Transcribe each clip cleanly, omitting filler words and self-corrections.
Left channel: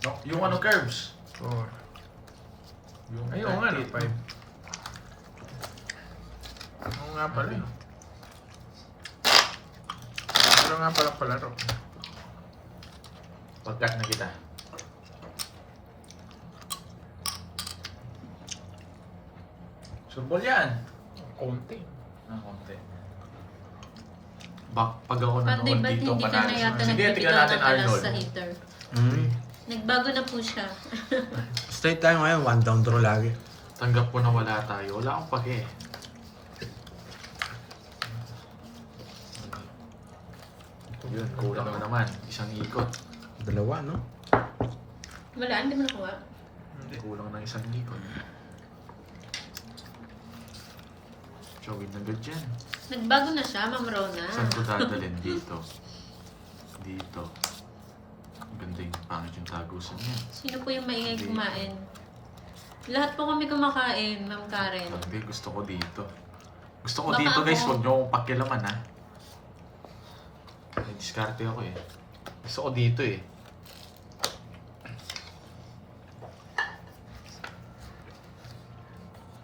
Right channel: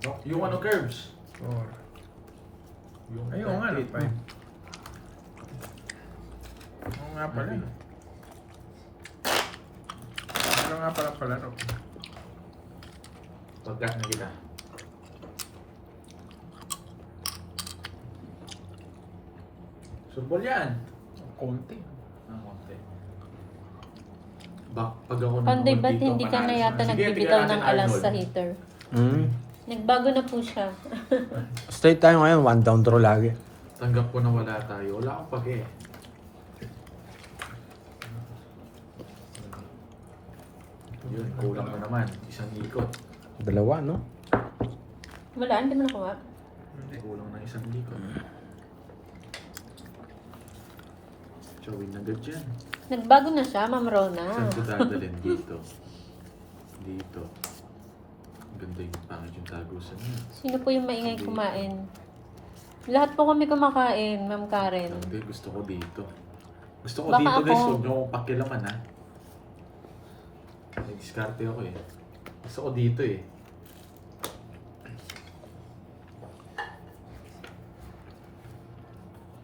Yung ano curves? 4. Yung Ayun nga, no, 5. 5. Ano nga pala? Ano nga pala palaro? Pagkat na kita. Surbol yan. Kunti. Konti. Pag ako Panday, nanonood ba't dito, hindi ka na panalo. yata Sige, nagbibitaw tingnan ng natin alas Arnold. sa heater? Nagbago na po siya. Straight tayo ngayon, 1 down draw lagi. Tanggap ko na wala tayo. Wala akong pake. Yun, kulang na naman. Isang ikot. Dalawa, no? Wala, hindi mo nakuha. Hindi. Kulang ng isang ikot. Chawin na agad dyan. Nagbago na siya, Ma'am Rona. Saan ko dadalhin? Dito. Dito. Ganda yung pangit yung tagusan niya. Sino po yung maingay kumain? Lahat po kami kumakain, Ma'am Karen. Hindi, gusto ko dito. Gusto ko Baka dito guys, ako- huwag niyo akong pakilaman ha. Diskarte ako eh. Gusto ko dito eh.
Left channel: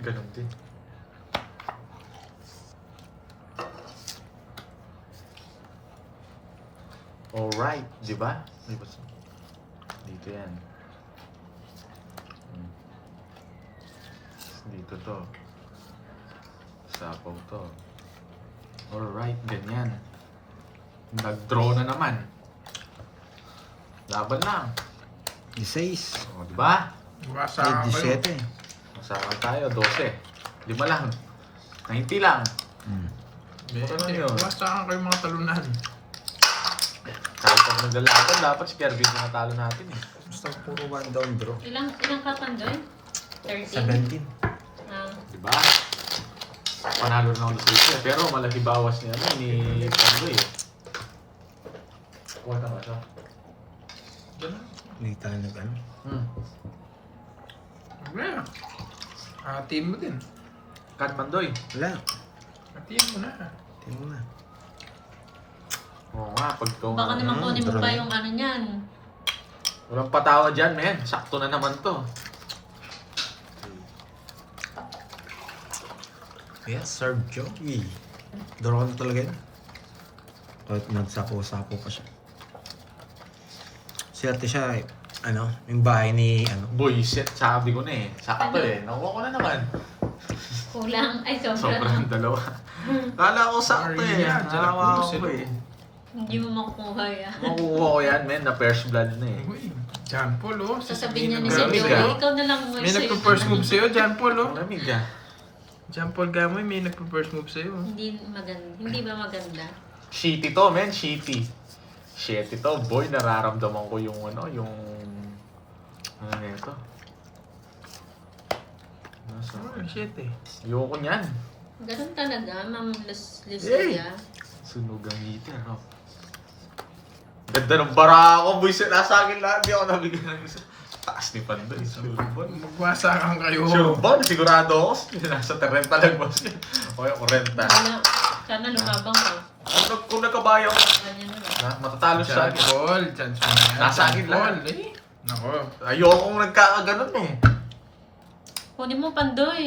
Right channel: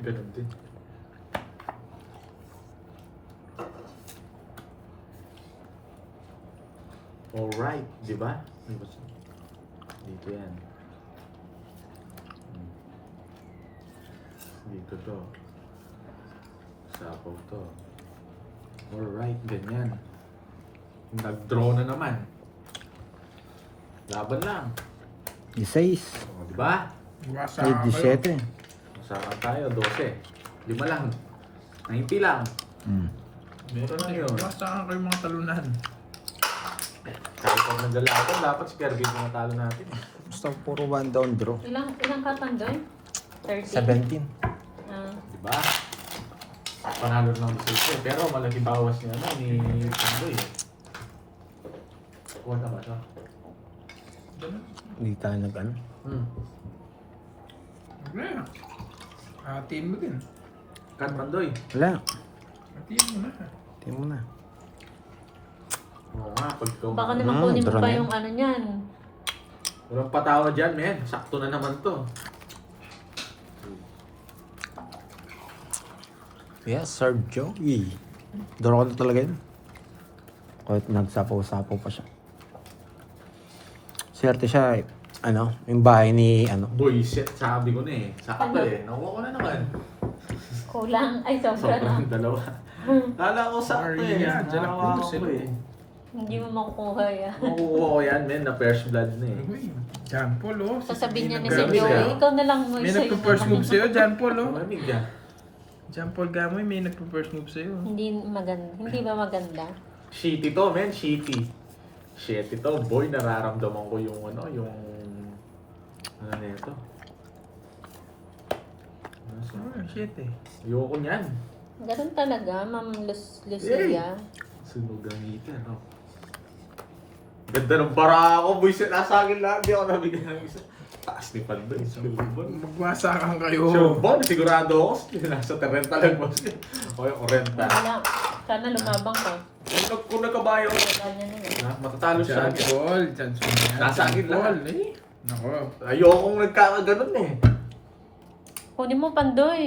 Ganun din. Alright, di ba? Dito yan. Hmm. Dito to. Sapaw to. Alright, ganyan. Nag-draw na naman. Laban lang. 16. O, di ba? Basa Ay, ako. 17. Masawan tayo, 12. 5 lang. 90 lang. Ano yun? Basa kayo mga talunan. Kahit kung ng lalaki, dapat si Kirby na natalo natin eh. Basta puro 1 down draw. Ilang katandoy? 13? 17. Ah, Di ba? Panalo na ulit siya. Pero malaki bawas niya ano, ni Pando eh. Kuha na ba siya? Hindi tayo nag-ano. Wala. Hatiin mo din. Kat Pandoy. Wala. Hatiin mo na. Tingnan mo na. Oo nga, pag ikaw baka naman kunin mo drama. pa yung ano niyan. walang patawa dyan, men. Sakto na naman to. Yes, Sir Joey. Draw ko na talaga yun. Kahit nagsapaw-sapaw pa siya. Swerte siya, ano, yung bahay ni, ano, Boy, set, sabi ko na eh. Sakto Ano? eh. Nakuha ko na naman. Kulang. Ay, sobra na. Sobrang dalawa. Kala ko sakto eh. Maria, Nakawa Jalaputo ko eh. Hindi mo makukuha yan. Makukuha ko yan, men, na first blood na eh. Uy, John Paul, oh. Sasabihin niya ni Gamoy, si Joey, ah. ikaw na lang mo May sa'yo. nagpo-first move sa'yo, John Paul, oh. Malamig yan. John Paul Gamoy, may nagpo-first move sa'yo. Hindi maganda. Hindi ba maganda? Shitty to, men. Shitty. Shitty to. Boy, nararamdaman ko yung ano, yung... Ano nito? Ano sa... Oh, shit eh. Ayoko niyan. Ganun talaga, Ma'am Lucia. Sunog ang ngiti, ano? Ganda ng bara ako, boy. Nasa akin lahat. Di ako nabigyan ng isa. Taas ni Pandoy. Surbon. Magwasakan kayo. Surbon, sigurado ako. Nasa 30 lang, boss. O yung 40. Wala. Sana lumabang ka. Kung nakabayo ako, Ganyan na. matatalo siya. John Paul, chance mo na yan. Nasa akin John Paul, lahat. eh. Nako. Ayokong nagkakaganon eh. Kunin mo, Pandoy.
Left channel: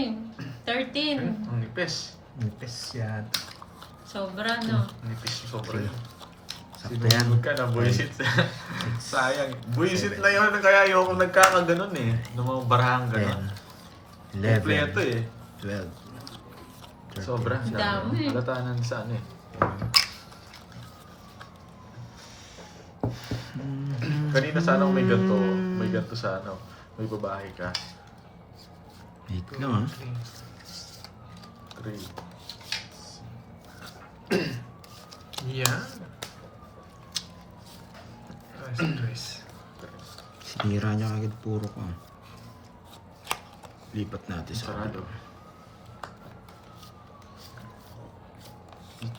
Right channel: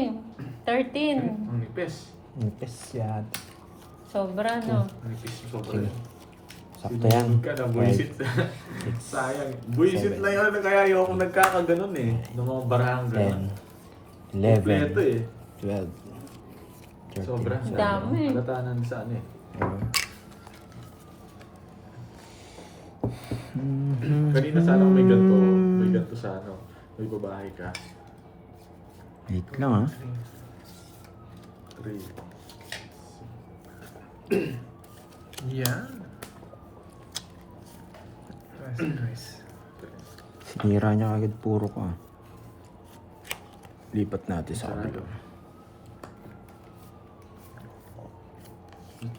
13. Ang nipis. nipis yata. Sobra, no? Nipis sobra yun. Sakto yan. Sinunod ka na, buisit. Sayang. Buisit na yun, kaya ayokong nagkakaganon eh. Nung mga barahang ganon. 10, Kompleto 11, eh. 12, 13. Sobra. Dami. Palatanan sa ano eh. Kanina sana kung may ganito. May ganito sa ano. May babae ka. 8 lang, ha? 3. Yeah. Nice. Sinira niya agad puro ka. Lipat natin sa Sarado. kabila.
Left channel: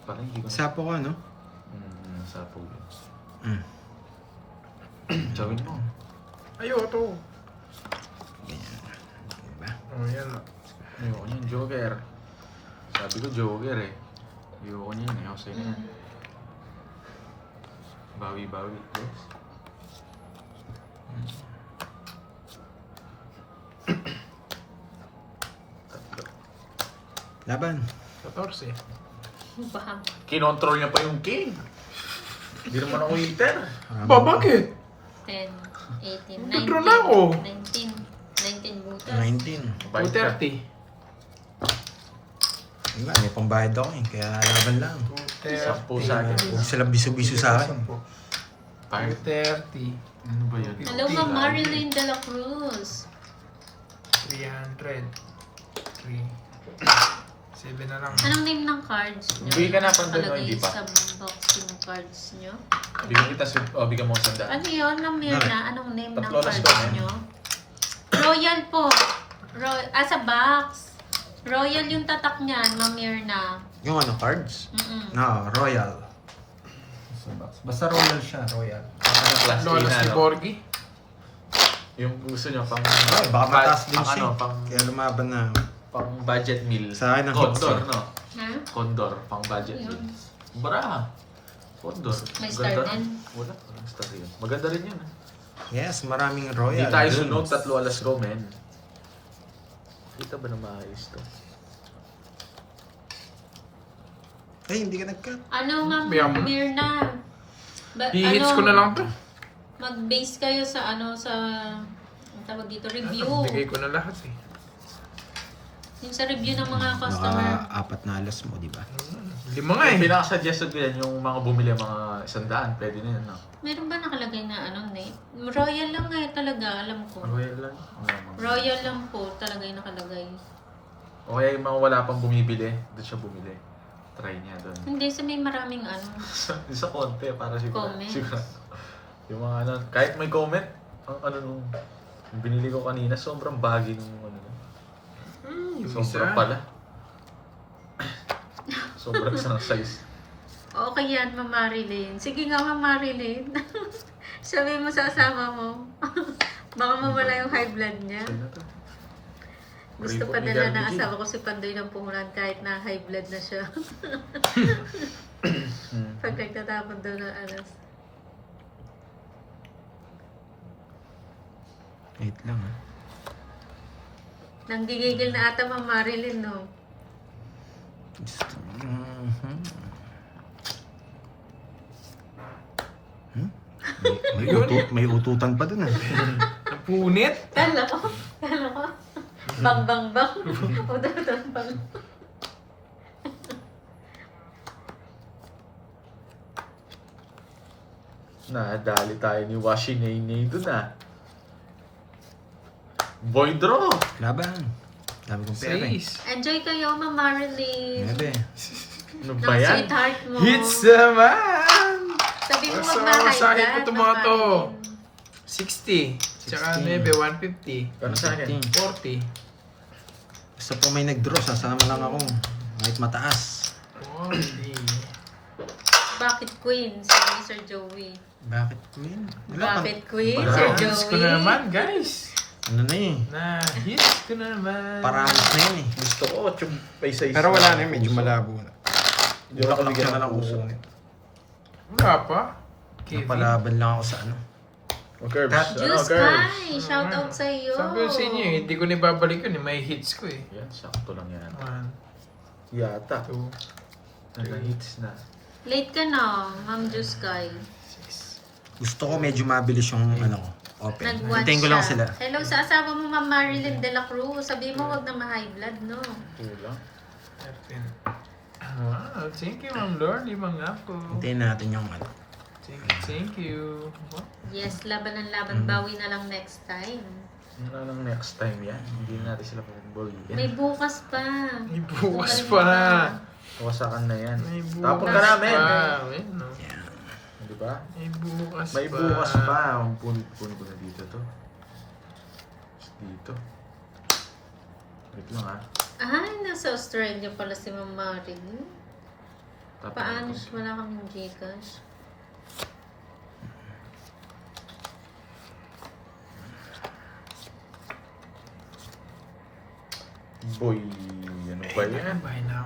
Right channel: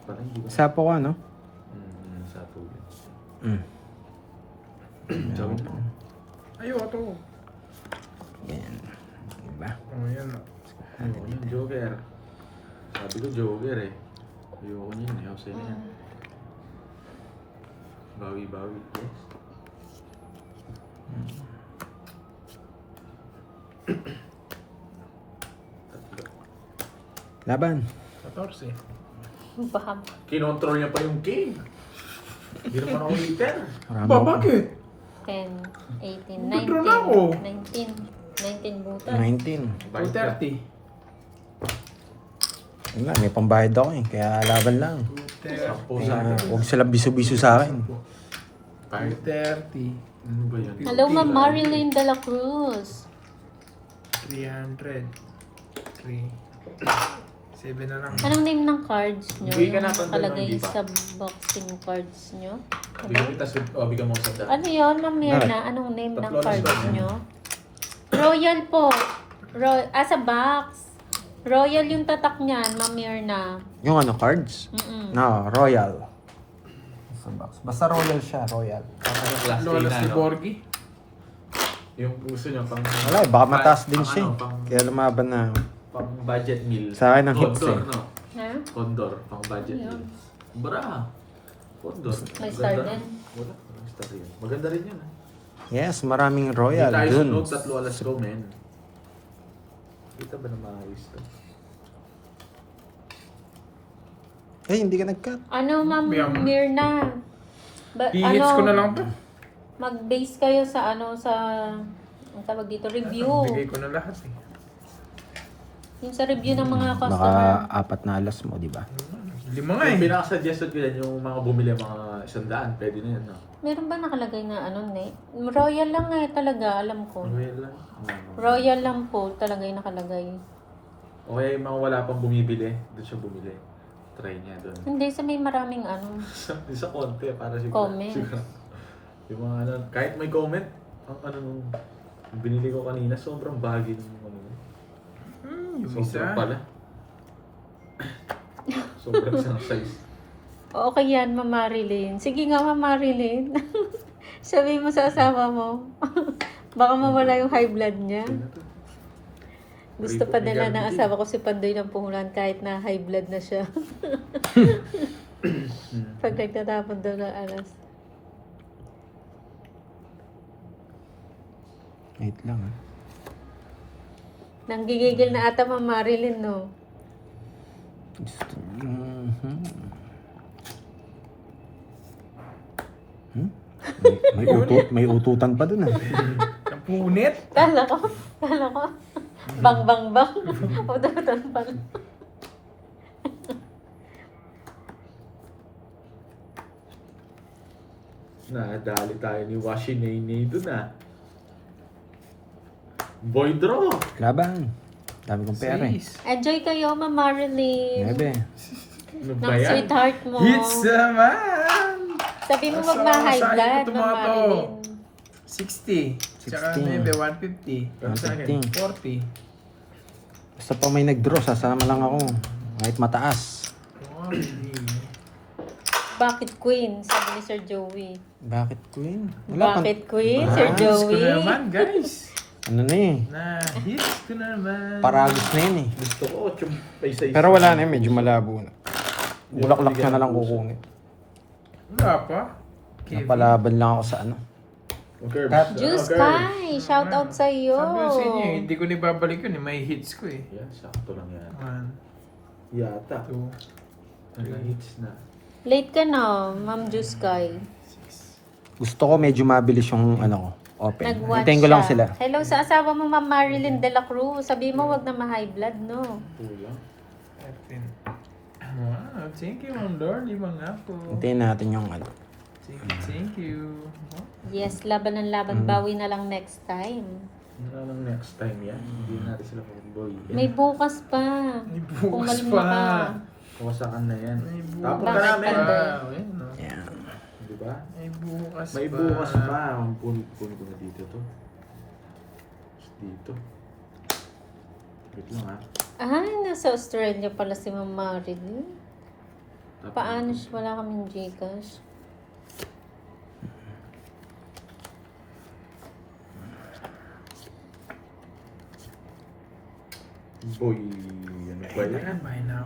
Parang hindi ko. Sapo ka, no? Sapo yun. Mm. Chawin mo. Ayoko to. Ganyan. Diba? Oh, yan. Ayoko yun, Joker. Sabi ko Joker eh. Ayoko yun eh. Jose na yan. Bawi-bawi. Yes. Laban. 14. Baka. Kinontrol niya pa yung king. Hindi naman ako waiter. Ba, bakit? 10, 18, Nag-draw na ako. 19. 19 butas. 19. 230. Yun nga, may pambayad ako eh. Kaya laban lang. 230. Sa akin. Huwag sila biso-biso sa akin. 230. Ano ba yun? Hello, Ma'am Marilyn de la Cruz. 300. 3. 7 na lang. Anong name ng cards nyo? Hindi ka na Nakalagay hindi pa. sa boxing cards nyo? Bigyan kita bigyan mo sa Ano yun, Ma'am Mirna? Anong name ng Tatlo na cards sila. nyo? Royal po. Sa box. Royal yung tatak niyan, Ma'am Mirna. Yung ano, cards? Mm-mm. No, Royal. Sa box. Basta Royal siya, Royal. Lolas ni Borgi. Yung gusto niya pang... Wala, baka mataas din pang siya. ano, pang, Kaya lumaban na. pang budget meal. Sa akin ang hits Condor, eh. no? Ha? Condor, pang budget Ano meal. yun? Bara. Condor. May star Ganda. din? Wala. Walang star din. Maganda rin yun. Yes, maraming Hindi Royal. tayo Dun. sunog, 3 alas ko, men. Kita ba na maayos to? Eh, hindi ka nag-cut. Ano, Ma'am Bigyan mo. Mirna? I-hits ko na lang to. Mag-base kayo sa ang tawag dito, review. Bigay ko na lahat eh. Yung sa review ng mga customer. Naka 4 na alas mo, di ba? 5 nga Yung eh. pinaka-suggested ko yan, yung mga bumili mga 100, pwede na yun, no? Meron ba nakalagay na name? Royal lang talaga, alam ko. Royal lang. Royal lang po talaga yung nakalagay. O kaya yung mga wala pang bumibili, doon siya bumili. Try niya doon. Hindi, sa may maraming Isa konti para siguro. Comment. Siguro. Yung mga ano, kahit may comment, ang ano nung yung binili ko kanina, sobrang baggy nung ano. Yung isa. Sobrang pala. Sobrang isang size. Okay yan, Ma'am Marilyn. Sige nga, Ma'am Marilyn. Sabi mo sa asawa mo. Baka mawala yung high blood niya. Gusto pa dala ng asawa ko si Pandoy ng puhunan kahit na high blood na siya. Pag nagtatapon daw ng alas. Wait lang ah. Nanggigigil na ata Ma'am Marilyn, no? May ututan pa dun ah. Napunit. Kala ko. Bang, bang, bang. Ututan pa. Nadali tayo ni Washinay doon ah. Boy draw. Laban. Dami kong pera eh. 6. Enjoy kayo, Ma'am Marilyn. 9. Ano Ng ba yan? sweetheart mo. Hits naman! Sabi mo Sa- magma-high sa akin blood, ko to Ma'am mga to. Marilyn. 60. Tsaka 60. 9, 150. Para sa akin. 15. 40. Basta pa may nag-draw, sasama lang ako. Kahit mataas. 40. Bakit Queen? Sabi ni Sir Joey. Bakit Queen? Bakit Queen, Wala. Sir Hits ko Joey? na naman, guys. Ano na eh. Hits ko na naman. Paragos na yun eh. Gusto ko, yung may size. Pero wala na yun, medyo malabo na. Bulaklak siya na lang kukunin. Wala pa. Kevin. Napalaban lang ako sa ano. Curves. Juice Kai! Shout out sa iyo! Sabi ko sa inyo eh, hindi ko na ibabalik yun eh. May hits ko eh. Yan, sakto lang yan. 1, Yata. 2, Nag-hits na. Late ka na, Ma'am Juice Kai. 6. Gusto ko medyo mabilis yung ano ko. Open. Nag-watch Hintayin ko lang siya. sila. Hello sa asawa mo, Ma'am Marilyn de la Cruz. Sabi mo, wag na ma-high blood, no? Tulang. Wow, thank you Ma'am Lord. Limang ako. Hintayin natin yung ano. Thank you. Yes, laban ng laban. Bawi na lang next time. Yun na lang next time yan. Hindi natin sila mag-ball. May bukas pa. May bukas Umalim pa. ka. Kuwasakan na yan. May Tapos bukas ka namin. pa. Ayan, no. Yan. Di ba? May bukas May pa. bukas pa. Ang punit-punit ko na dito to. Dito. Wait lang ah. Ay, nasa Australia pala si Ma'am Marilyn. Tapos- Paano? Wala kaming Gcash. Boy, ano ba yan? Ayan, buy now.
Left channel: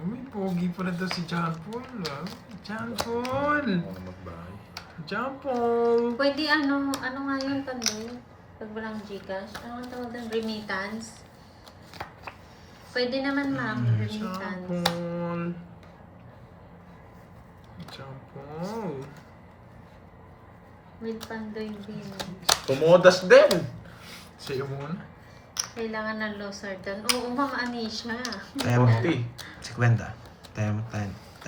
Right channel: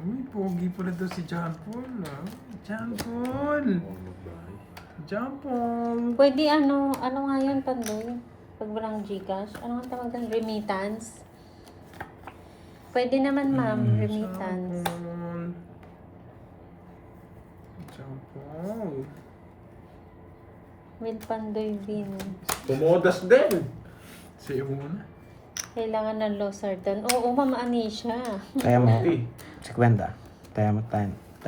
Uy, pogi pala daw si John Paul. Ah. John Paul! Ano magbahay? John Paul! Pwede ano nga yun, Pandoy? Pag walang Gcash? Ano nga tawag doon? Remittance? Pwede naman, ma'am. Remittance. John Paul. With Pandoy din. Tumodas din. Siya muna. Kailangan ng Losartan. Oo, ma'am, Anisha. Kaya mo. Pi. Si Kwenta. Tayo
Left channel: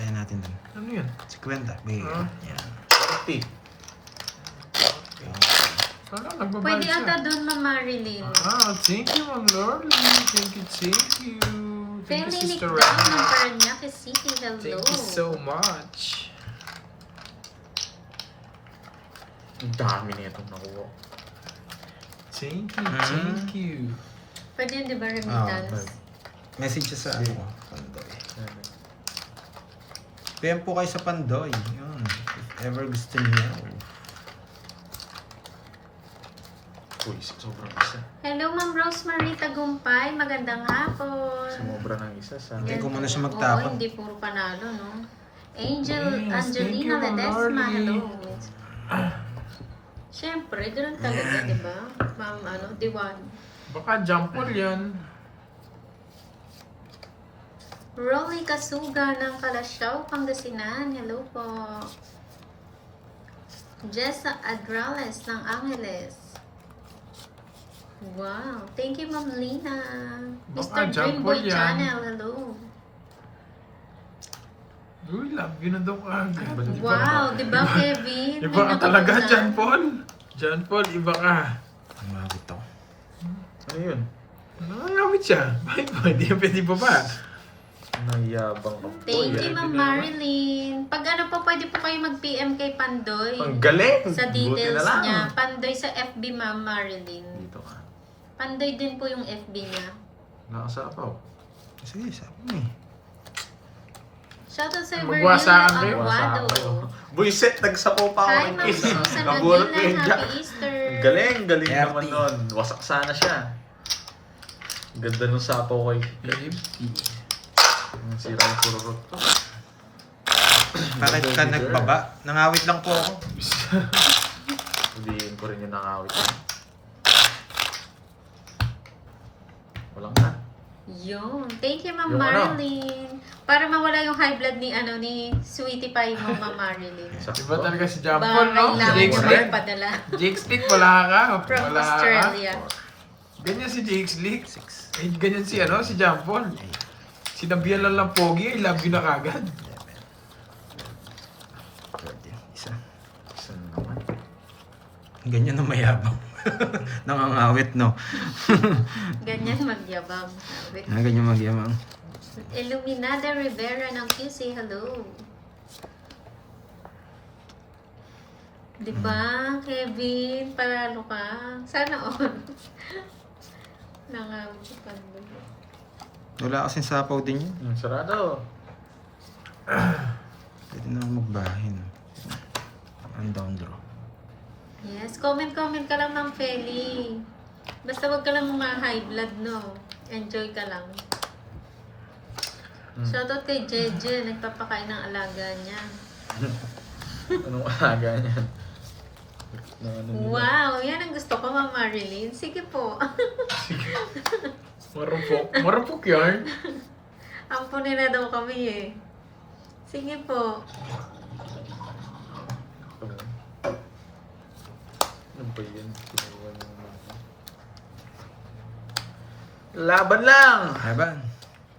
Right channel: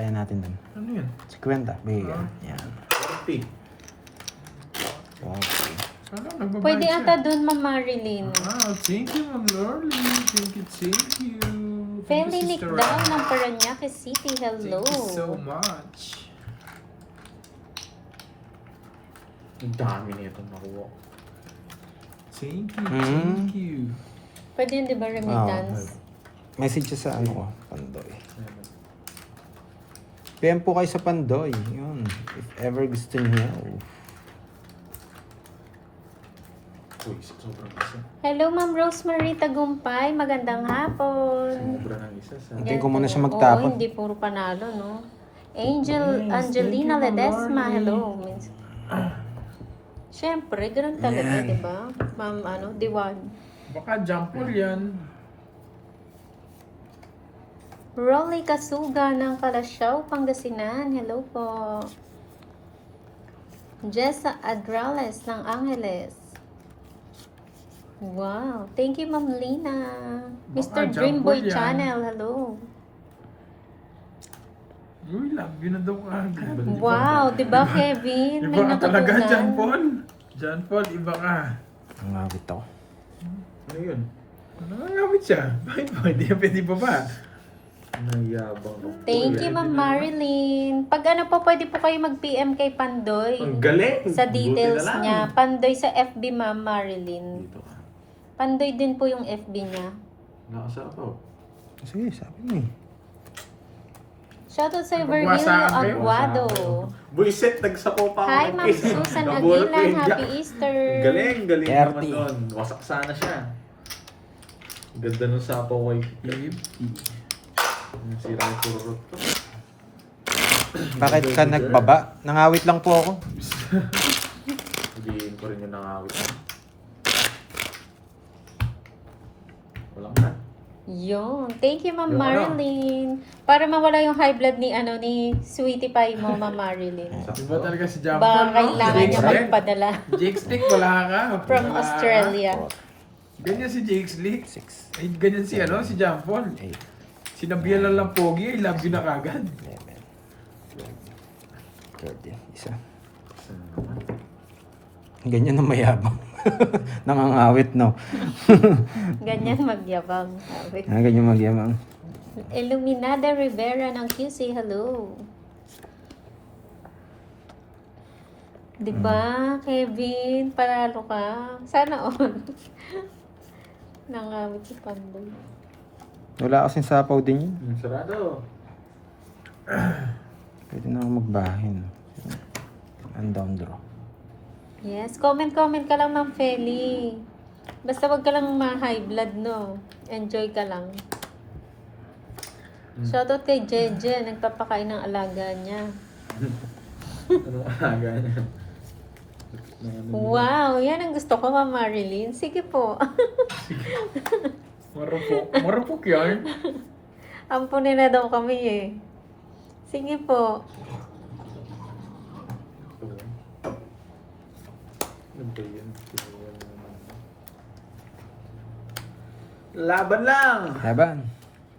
natin dun. Ano yan? Si Kwenta. Bigay. Yan. Pi. Okay. Ano, nagbabayad Pwede siya. ata doon, ma'am Marilyn. Thank you, Ma'am Lorly. Thank you. Thank you, Felinik Sister daw Ram. ng Parañaque City. Hello. Thank you so much. Ang dami nitong nakuha. Thank you, Mhm. thank you. Pwede yun, di ba, remittance? Message siya sa ano ko. Pandoy. PM po kayo sa Pandoy. Yun. If ever gusto niyo. Uy, sobrang isa. Hello, Ma'am Rosemary Tagumpay. Magandang hapon. Sumobra ng isa sa... Hindi ko muna siya Oo, magtapon. hindi puro panalo, no? Angel, Yes, Angelina thank you, Ledesma, Lordy. hello. Siyempre, ganun talaga, Yan. di ba? Ma'am, Diwan. Baka jump ball yan. Rolly Kasuga ng Kalasyaw, Pangasinan. Hello po. Jessa Adrales ng Angeles. Wow. Thank you, Ma'am Lina. Baka Mr. jump Dreamboy ball yan. Channel, hello. Uy, love you na daw agad. Wow, di ba, Kevin? Iba ka talaga, natutunan. John Paul. John Paul, iba ka. Nangagit ako. Ano yun? Nangangamit siya. Bakit ba? Hindi yan pwede ba ba? Nayabang ako. Thank you, Ma'am Marilyn. Pag ano po, pwede po kayo mag-PM kay Pandoy. Ang galing! Sa Buti details na lang. niya. Pandoy sa FB, Ma'am Marilyn. Dito ka. Pandoy din po yung FB niya. Nakasapaw. Sige, sabi mo. Shoutout sa Magwa sa akin, Virgilio Aguado. Buisit, nagsapaw pa ako Hi, ng Ma'am kiss. Susan Nabulot ko Aguilan. yung Happy jack. Easter. Galing naman 30. doon. Wasak sana siya. Ganda nung sapaw ko. 50. Sira yung kururot ko. Bakit ka nagbaba? Nangawit lang po ako. Hindi ko rin yung nangawit. Walang na. Yun. Thank you, Ma'am Yung ano? Marilyn. Para mawala yung high blood ni Sweetie Pie mo, Ma'am Marilyn. Iba talaga si John Baka Paul, no? kailangan Jake niya Slick. magpadala Jake Slick, wala ka. from Wala ka. Australia. Ganyan si Jake Slick. 6. Eh, ganyan si si John Paul. Sinabihan lang pogi, I love you na kagad. Isa. Ganyan na mayabang. Nangangawit, no? Ganyan magyabang. Sabi. Ganyan magyabang. Illuminada Rivera ng QC, hello. Diba, Kevin? Panalo ka. Sana on. Nangawit si Pandoy. Wala kasing sapaw din yun. Yung sarado. Pwede na ako magbahin. Ang down draw. Yes, comment ka lang, Ma'am Feli. Basta wag ka lang ma-high blood, no? Enjoy ka lang. Shoutout kay Jeje, nagpapakain ng alaga niya. Anong alaga niya? Wow, yan ang gusto ko, Ma'am Marilyn. Sige po. Marupok. Marupok yan. Ampunin na daw kami eh. Sige po. Ano ba yun? Laban lang! Laban.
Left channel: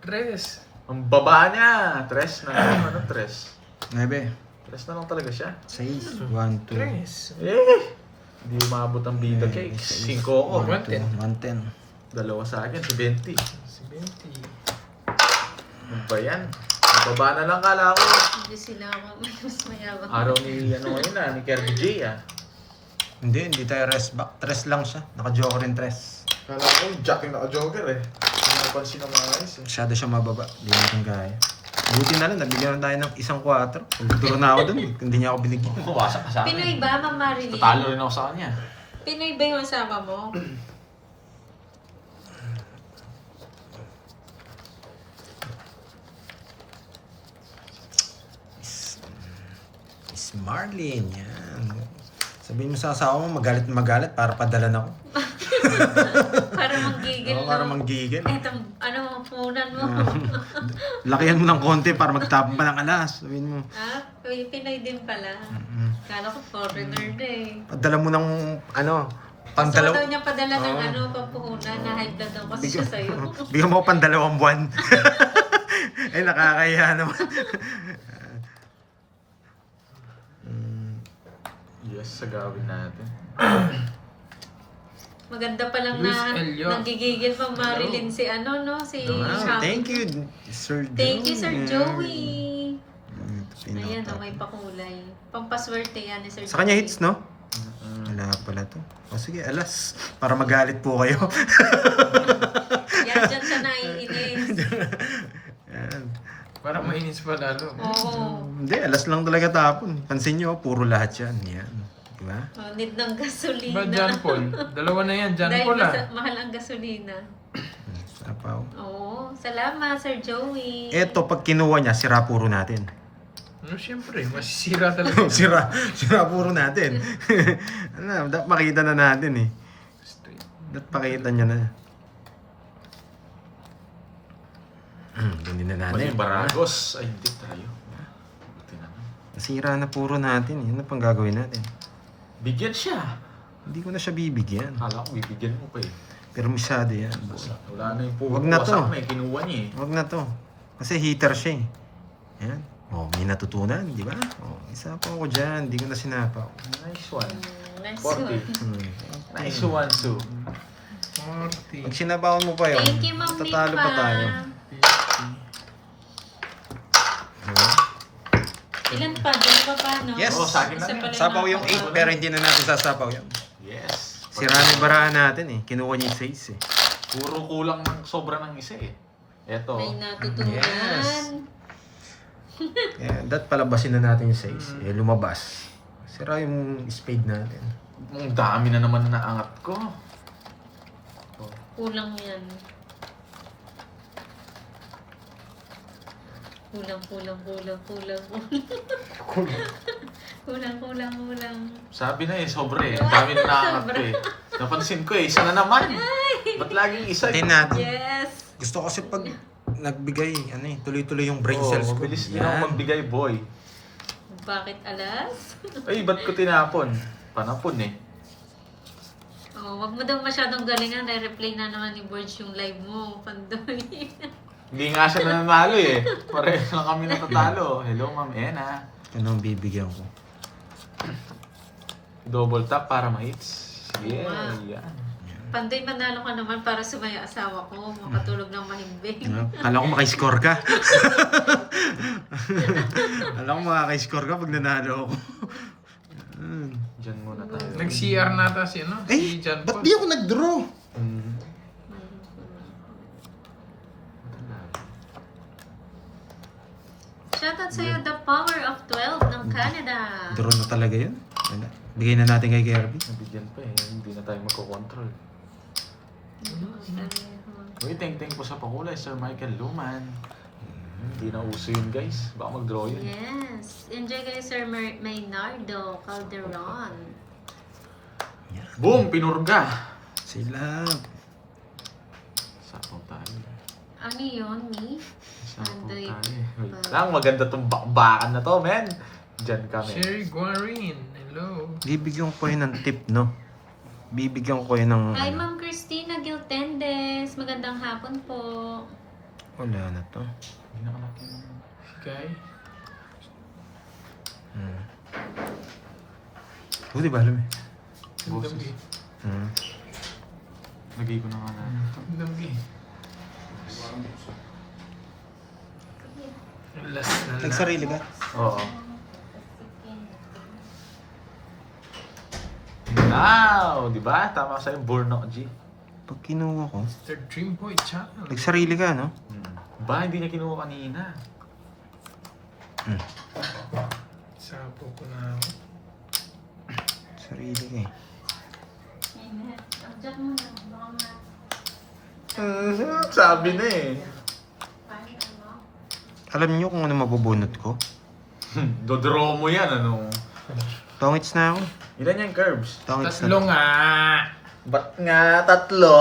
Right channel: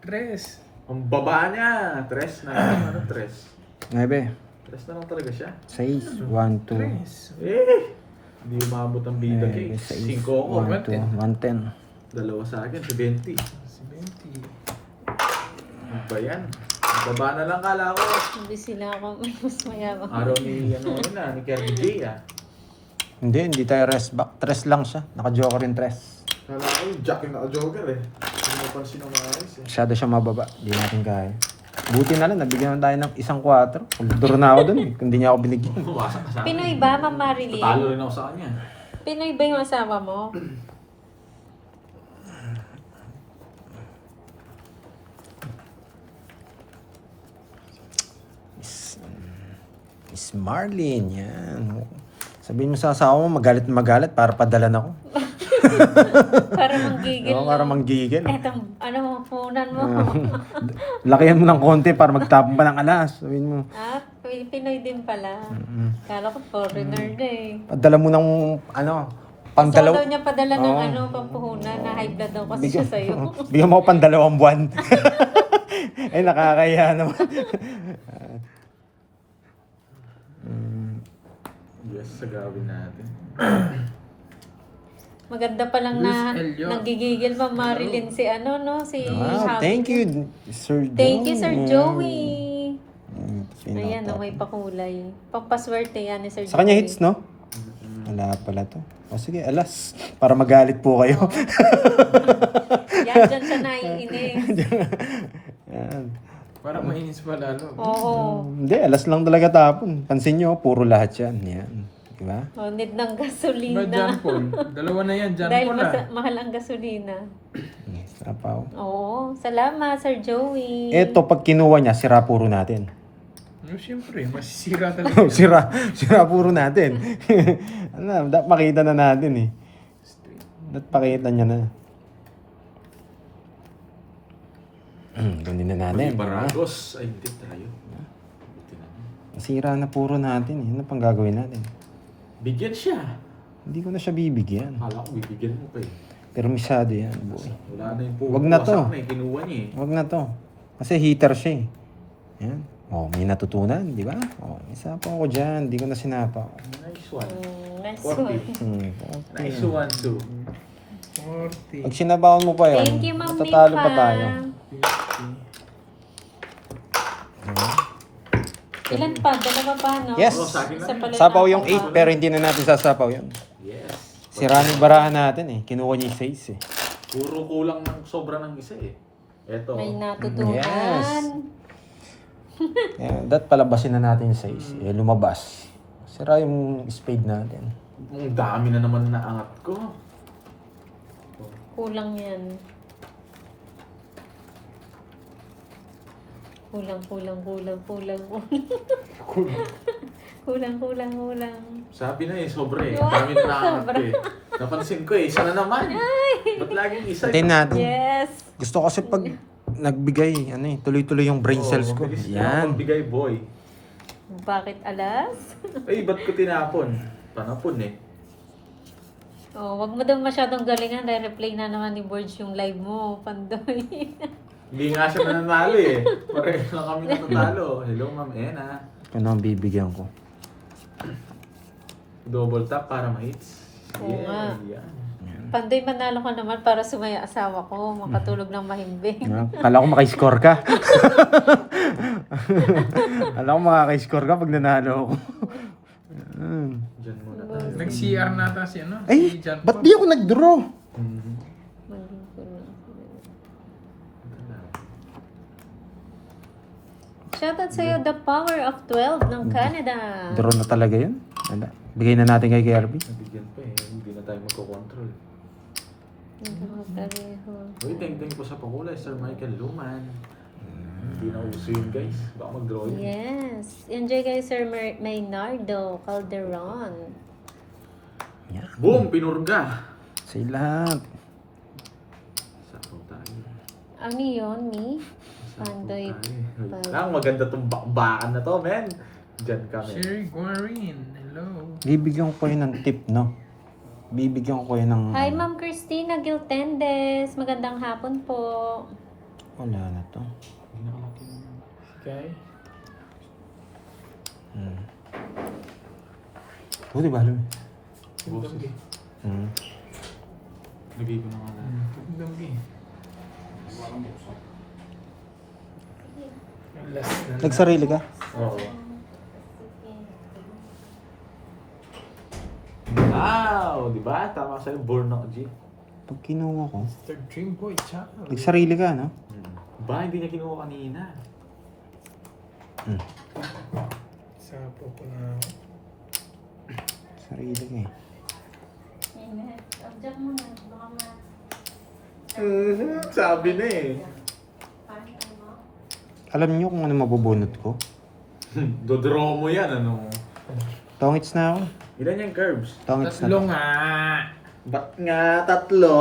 Tres. Ang baba niya! Tres na lang. Ano tres? 9. Tres na lang talaga siya. 6. 1, 2. Tres. Eh! Hindi umabot ang bida cake. 5 ko. 1, 2, 110. Dalawa sa akin, si 20. Si Benti. Ano ba yan? Ang baba na lang kala ko. Hindi sila ako. Mas mayabang. Araw ni ano na, ni Kerry J ah. Hindi tayo rest back. 3 lang siya. Naka-joker rin 3. Kala ko, Jack yung naka-jogger eh. Hindi napansin ng mga ayos eh. Masyado siya mababa. Hindi natin kaya. Buti na lang, nabigyan na tayo ng 1-4. Pag-draw na ako dun, hindi niya ako binigyan. Bumawasak ka sa akin. Pinoy ba, Ma'am Marilyn? Tatalo rin ako sa kanya. Pinoy ba yung asawa mo? Miss Marlene, yan. Sabihin mo sa asawa mo, magalit para padalan ako. Para manggigil, Oo, para no? manggigil. Etong, punan mo. Lakihan mo ng konti para magtapon pa ng alas. Sabihin mo. Ah, Pinoy din pala. Kala ko foreigner na eh. Padala mo ng Gusto ko pangdalaw. daw niya padala ng Oo. pampuhunan na high blood daw kasi siya sa'yo. Bigyan mo ako pandalawang buwan. Ay, nakakaya naman. Yes, sa gawin natin. Maganda pa lang Luis na Elio. nagigigil pa Marilyn si si Wow, Shopee. thank you, Sir Joey. Thank you, Sir Joey. Ayan, Ayan, may pakulay. Pampaswerte yan ni Sir Sa kanya Joey. hits, no? Wala pala to. O sige, alas. Para magalit po kayo. Yan, dyan siya naiinis. Yan. Para mainis pa lalo. Oo. Hindi, alas lang talaga tapon. Pansin nyo, puro lahat yan. Yan. Diba? Oh, need ng Ba, gasolina. John Paul? Dalawa na yan, John Dahil Paul mahal ang gasolina. Sapaw. Oo, salamat Sir Joey. Eto, pag kinuha niya, sira puro natin. No, siyempre, masisira talaga. sira puro natin. Alam, dapat makita na natin eh. Straight. Dapat pakita niya na. Ganyan na natin. Mali Baragos. Ay, hindi tayo. Buti naman. Nasira na puro natin eh. Ano pang gagawin natin? Bigyan siya. Hindi ko na siya bibigyan. Akala ko bibigyan mo pa eh. Pero masyado yan, boy. Wala na yung Wag na to. May kinuha niya eh. Huwag na to. Kasi heater siya eh. Yan. Oh, may natutunan, di ba? Oh, isa pa ako dyan. Hindi ko na sinapaw. Nice one. Nice 40. one. Nice one, Sue. 40. Pag sinabawan mo pa yun, Thank you, Ma'am matatalo pa Nipa. tayo. Diba? Ilan pa? Dalawa pa, no? Yes. Oo, sa akin Isa lang pala Sapaw yung nakuha. 8 pero hindi na natin sasapaw yun. Yes. Sira na yung barahan natin eh. Kinuha niya yung 6 eh. Puro kulang ng sobra ng isa eh. Eto. May natutunan. Yes. That palabasin na natin yung 6. Eh, lumabas. Sira yung spade natin. Ang dami na naman na naangat ko. Kulang yan. Kulang. Kulang. Sabi na eh, sobra eh. Ang dami na naangat Sobra. ko eh. Napansin ko eh, isa na naman. Ba't laging isa? Patayin natin. Yes. Gusto ko kasi pag nagbigay, tuloy-tuloy yung brain cells ko. Bilis din ako Yan. magbigay, boy. Bakit alas? Ay, ba't ko tinapon? Panapon eh. Oh, wag mo daw masyadong galingan. Re-replay na naman ni Borge yung live mo, Pandoy. Hindi nga siya nanalo eh. Pareho lang kami natatalo. Hello, Ma'am Ena. Ito na ang bibigyan ko. Double tap para ma-hits. Oo nga. Yan. Pandoy, manalo ka naman para sumaya asawa ko. Makatulog ng mahimbing. Kala ko makiscore ka. Kala ko makakiscore ka pag nanalo ako. Diyan muna tayo. Nag-CR nata si si Ay, John ba't Paul. di ako nag-draw? Shoutout sa'yo, The Power of 12 ng Canada. Draw na talaga yun. Wala. Bigay na natin kay Kirby. Bigyan pa eh. Hindi na tayo magkocontrol. Uy, thank po sa pakulay, Sir Michael Luman. Hindi na uso yun, guys. Baka mag-draw yun. Yes. Enjoy guys, Sir Maynardo Calderon. Yan. Boom! Pinurga! Sila. Sapo tayo. Ano yun, me? Sapo Pandoy. tayo. Lang, maganda tong bakbakan na to, men. Diyan kami. Sherry Guarin. Hello. Bibigyan ko kayo ng tip, no? Bibigyan ko kayo ng... Hi, Ma'am Christina Giltendes. Magandang hapon po. Wala na to. Hindi na malaki. Guy. Oh, di ba alam eh? Damgi. Lagay ko na nga lang. Damgi. Last na. Nagsarili ka? Oo. Wow! Di ba? Tama sa'yo, born ako, G. Pag kinuha ko, Mr. Dreamboy Channel. nagsarili ka, no? Ba, hindi niya kinuha kanina. Sapo ko na. Sarili ka eh. Sabi na eh. Alam niyo kung ano mabubunot ko? Dodraw mo yan, ano? Tongits na ako. Ilan yung curves? Tongits na. Tatlo nga. Ba't nga tatlo?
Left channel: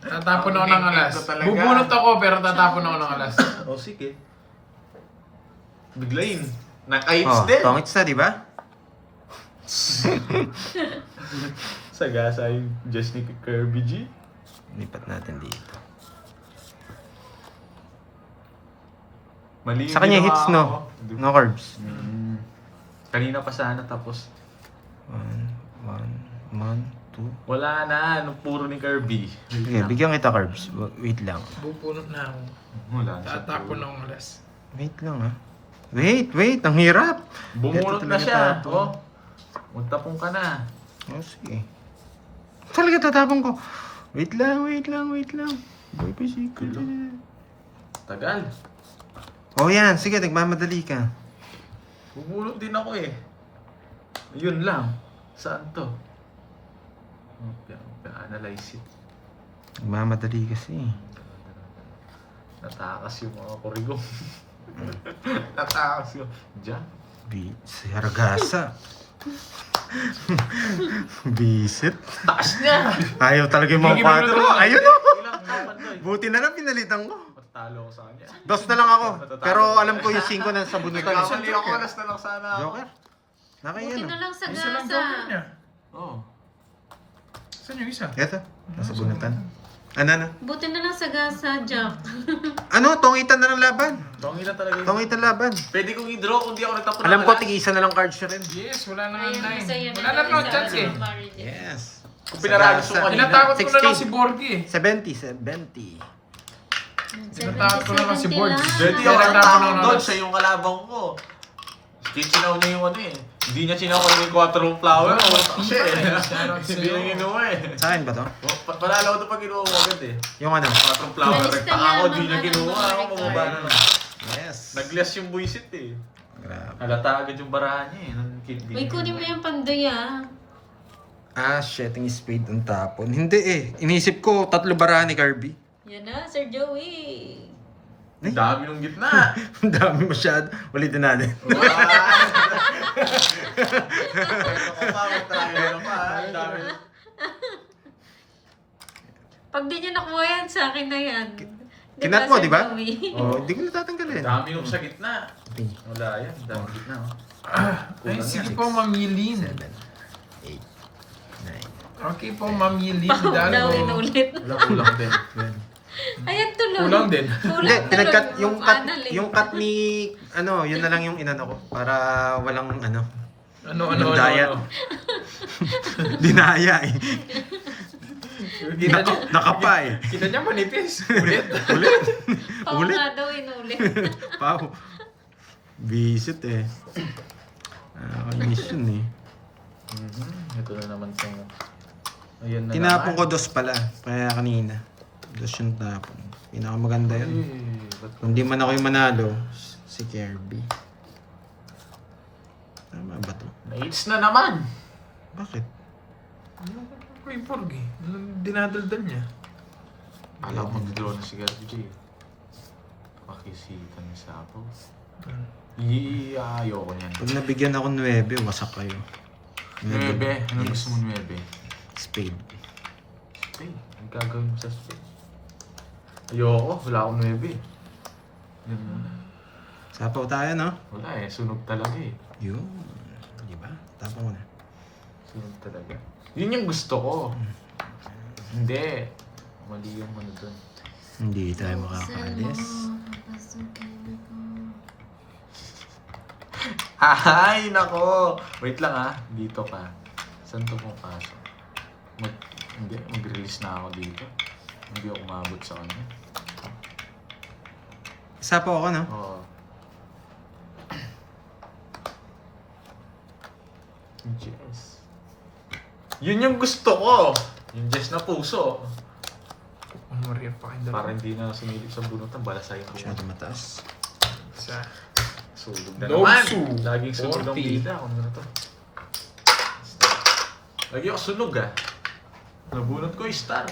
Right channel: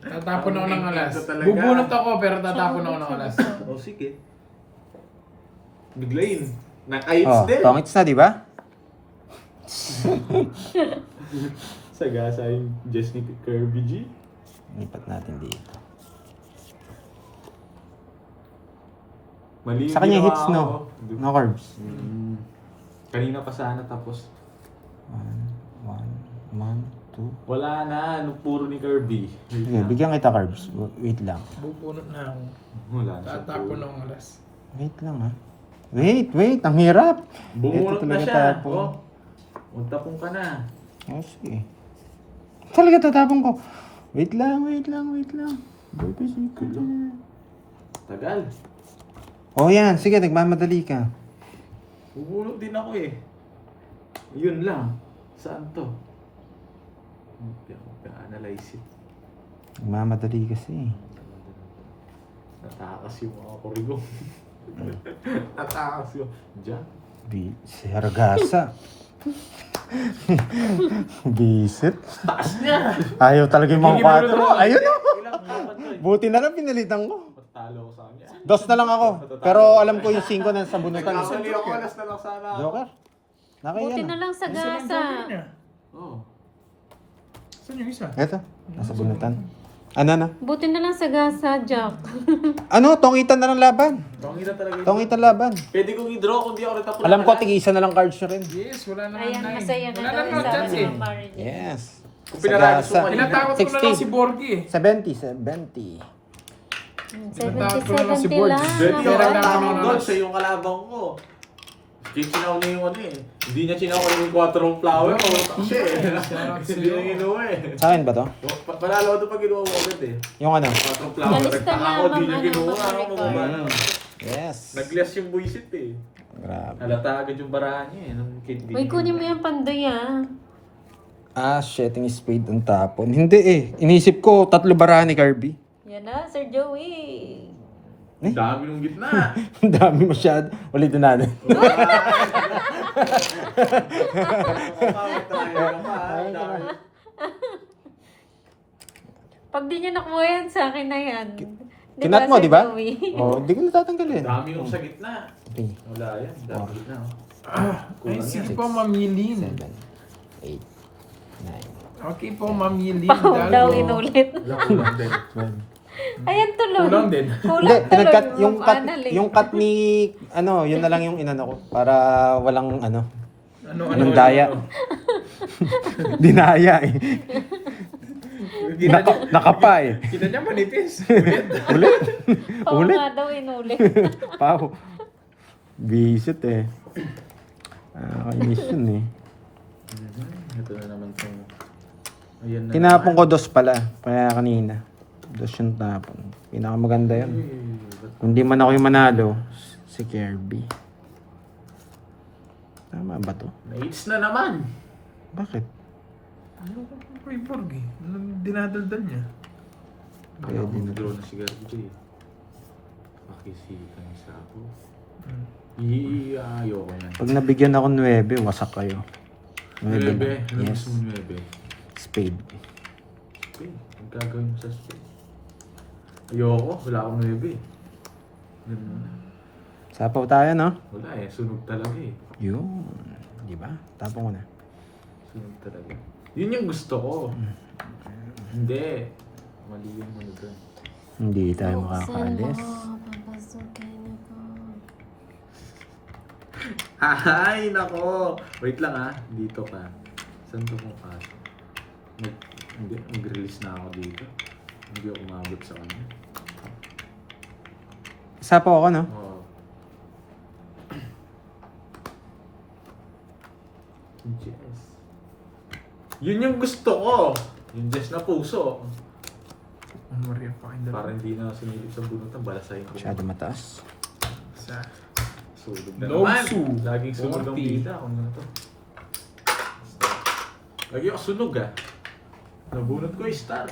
Tatapon ako Ang ng ingit alas. ko talaga. Bubunot ako pero tatapon ako ng alas. O sige. Biglayin. Naka-hits Oh, din. pangits na, di ba? Sagasa yung just ni Kirby G. Lipat natin dito. Mali Sa kanya yung hits, ginawa no? ko. No carbs. Kanina pa sana tapos. 1, 2. Wala na. Ano puro ni Kirby. Sige, bigyan kita carbs. Wait lang. Bubunot na ako. Wala na siya Tatapon puro. ako ng alas. Wait lang ha. Wait. Ang hirap. Bumunot Ito na talaga siya. tapon. Oh. Magtapong ka na. Oh, sige. Talaga tatapon ko. Wait lang. Boy, pasiko. Tagal. Oh, yan. Sige, nagmamadali ka. Bubunot din ako eh. Yun lang. Saan to? Analyze it. Nagmamadali kasi. Natakas yung mga kurigo. Natakas yung... Diyan. Sargasa. Bisit. Taas niya! Ayaw talaga yung mga 4. Ayun o. Ilang naman to eh. Buti na lang pinalitan ko. Talo ko sa kanya. 2 na lang ako. Pero alam ko yung 5 na sa bunutan. Nagkamali ako, alas na lang sana ako. Joker. Buti Nakaiyan na o. lang sa Isa lang gasa. joker niya. Oo. Saan yung isa? Eto. Nasa bunutan. Ano na? Buti na lang sa gasa, Jack. Ano? Tongitan na lang laban. Mangita talaga yun. Tongitan laban. Pwede kong i-draw kung di ako nagtapon. Alam ko, tig-isa na lang cards siya rin. Yes, wala naman Ayan, na masaya na Wala daw naman yung chance sabi eh. ni Marilyn. Yes. Kung pinakagusto Sagasa. ko kanina. Tinatakot ko na lang 60. si Borgie eh. 70. Tinatakot ko na lang si 70 Borg. lang. Pwede Pero yung wala tao naman doon alas. sa yung kalabang ko. Sinaw niya yung ano eh. Hindi niya sinaw yung 4 flower. Shit eh. Hindi niya ginuha eh. Sa akin ba to? Panalo ko ito pag ginuha ko agad eh. Yung ano? 4 flower. Alista Ako, lamang, di niya ano, ginuha. mga Ako, record. Yes. Nag-less yung buisit eh. Grabe. Halata agad yung barahan niya eh. Nung kid Uy, kunin mo yung pandoy ah. Shitting spade ang tapon. Hindi eh. Inisip ko, 3 barahan ni Kirby. Yan na, Sir Joey. Ang dami ng gitna. Ang dami masyado. Ulitin natin. Pag di niya nakuha yan, sa akin na yan. Kinat mo, Sir di ba? Joey? Oh, hindi ko natatanggalin. Dami nung sa gitna. Okay. Wala yan. Dami gitna. Ay, sige po, mamilin. 7, 8, 9, Okay po, mamilin. Pahog daw inulit. Kulang din. 12. Ayan tuloy. Kulang din. Hindi, Kulang pinagkat tuloy. yung cut, Annalyn. yung cut ni ano, yun na lang yung inano ko para walang ano, Ano, daya. Dinaya eh. Nakapa eh. Kita niya manipis. Ulit. Ulit. Pahog Ulit. nga daw inulit. Pao. Visit eh. Kainis yun eh. Ito na naman sa... Ayan na Tinapon ko naman. 2 pala. Kaya kanina. 2 yung tapon. Pinakamaganda yan. Kung di man ako yung manalo, si Kirby. Tama ba to? Na-hits na naman. Bakit? Uy, Borgie. Anong dinadaldal niya? Alam mo, nag-draw na si Kirby J. Pakisita na sa ako. Ayoko niyan. Pag nabigyan ako 9, wasak kayo. 9. Ano Yes. gusto mo 9? Spade. Spade. Ang gagawin mo sa spade? Ayoko. Wala akong 9. Yun muna. Sapaw tayo, no? Wala eh. Sunog talaga eh. Yun. Di ba? Tapon ko na. Sunog talaga. Yun yung gusto ko. Hindi. Mali yung ano doon. Hindi tayo makakalis. Ay, nako! Wait lang ah. Dito ka. Saan to mo pasok? Hindi, mag-release na ako dito. Hindi ako umabot sa kanya. Sapaw ako, no? Oo. Yes. Yun yung gusto ko! Yung just na puso. Umuriya pa kayo Para hindi na sumilip sa bunutan, balasahin ko. Masyado mataas. Sa Sulog na Low naman! su. Laging sunog ang 40. bida. Ano na to? Lagi ako sunog ah. Nabunot ko yung star.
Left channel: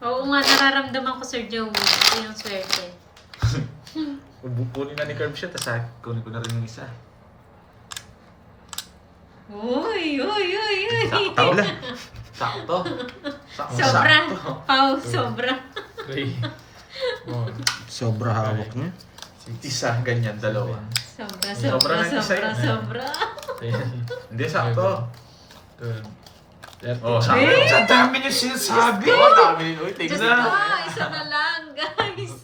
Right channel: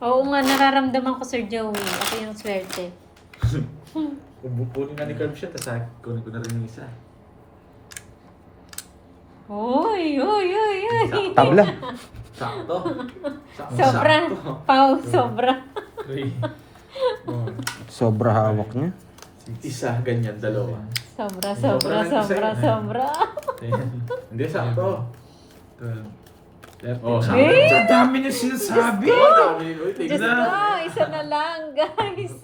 Oo nga, nararamdaman ko, Sir Joey. Ako yung swerte. Kunin na ni Curb siya, tapos kunin ko na rin yung isa. Uy! Tabla. Sakto. Sobra. Pau, sobra. 3, 4, Sobra hawak niya. Isa, ganyan, dalawa. Sobra, Sobra sobra, na isa sobra, eh. sobra. 10, Hindi, sakto. 12, 13. Oh, sakto. Eh? Ang dami niyo sinasabi! Ang dami. Uy, Diyos tingnan. ko, isa na lang, guys.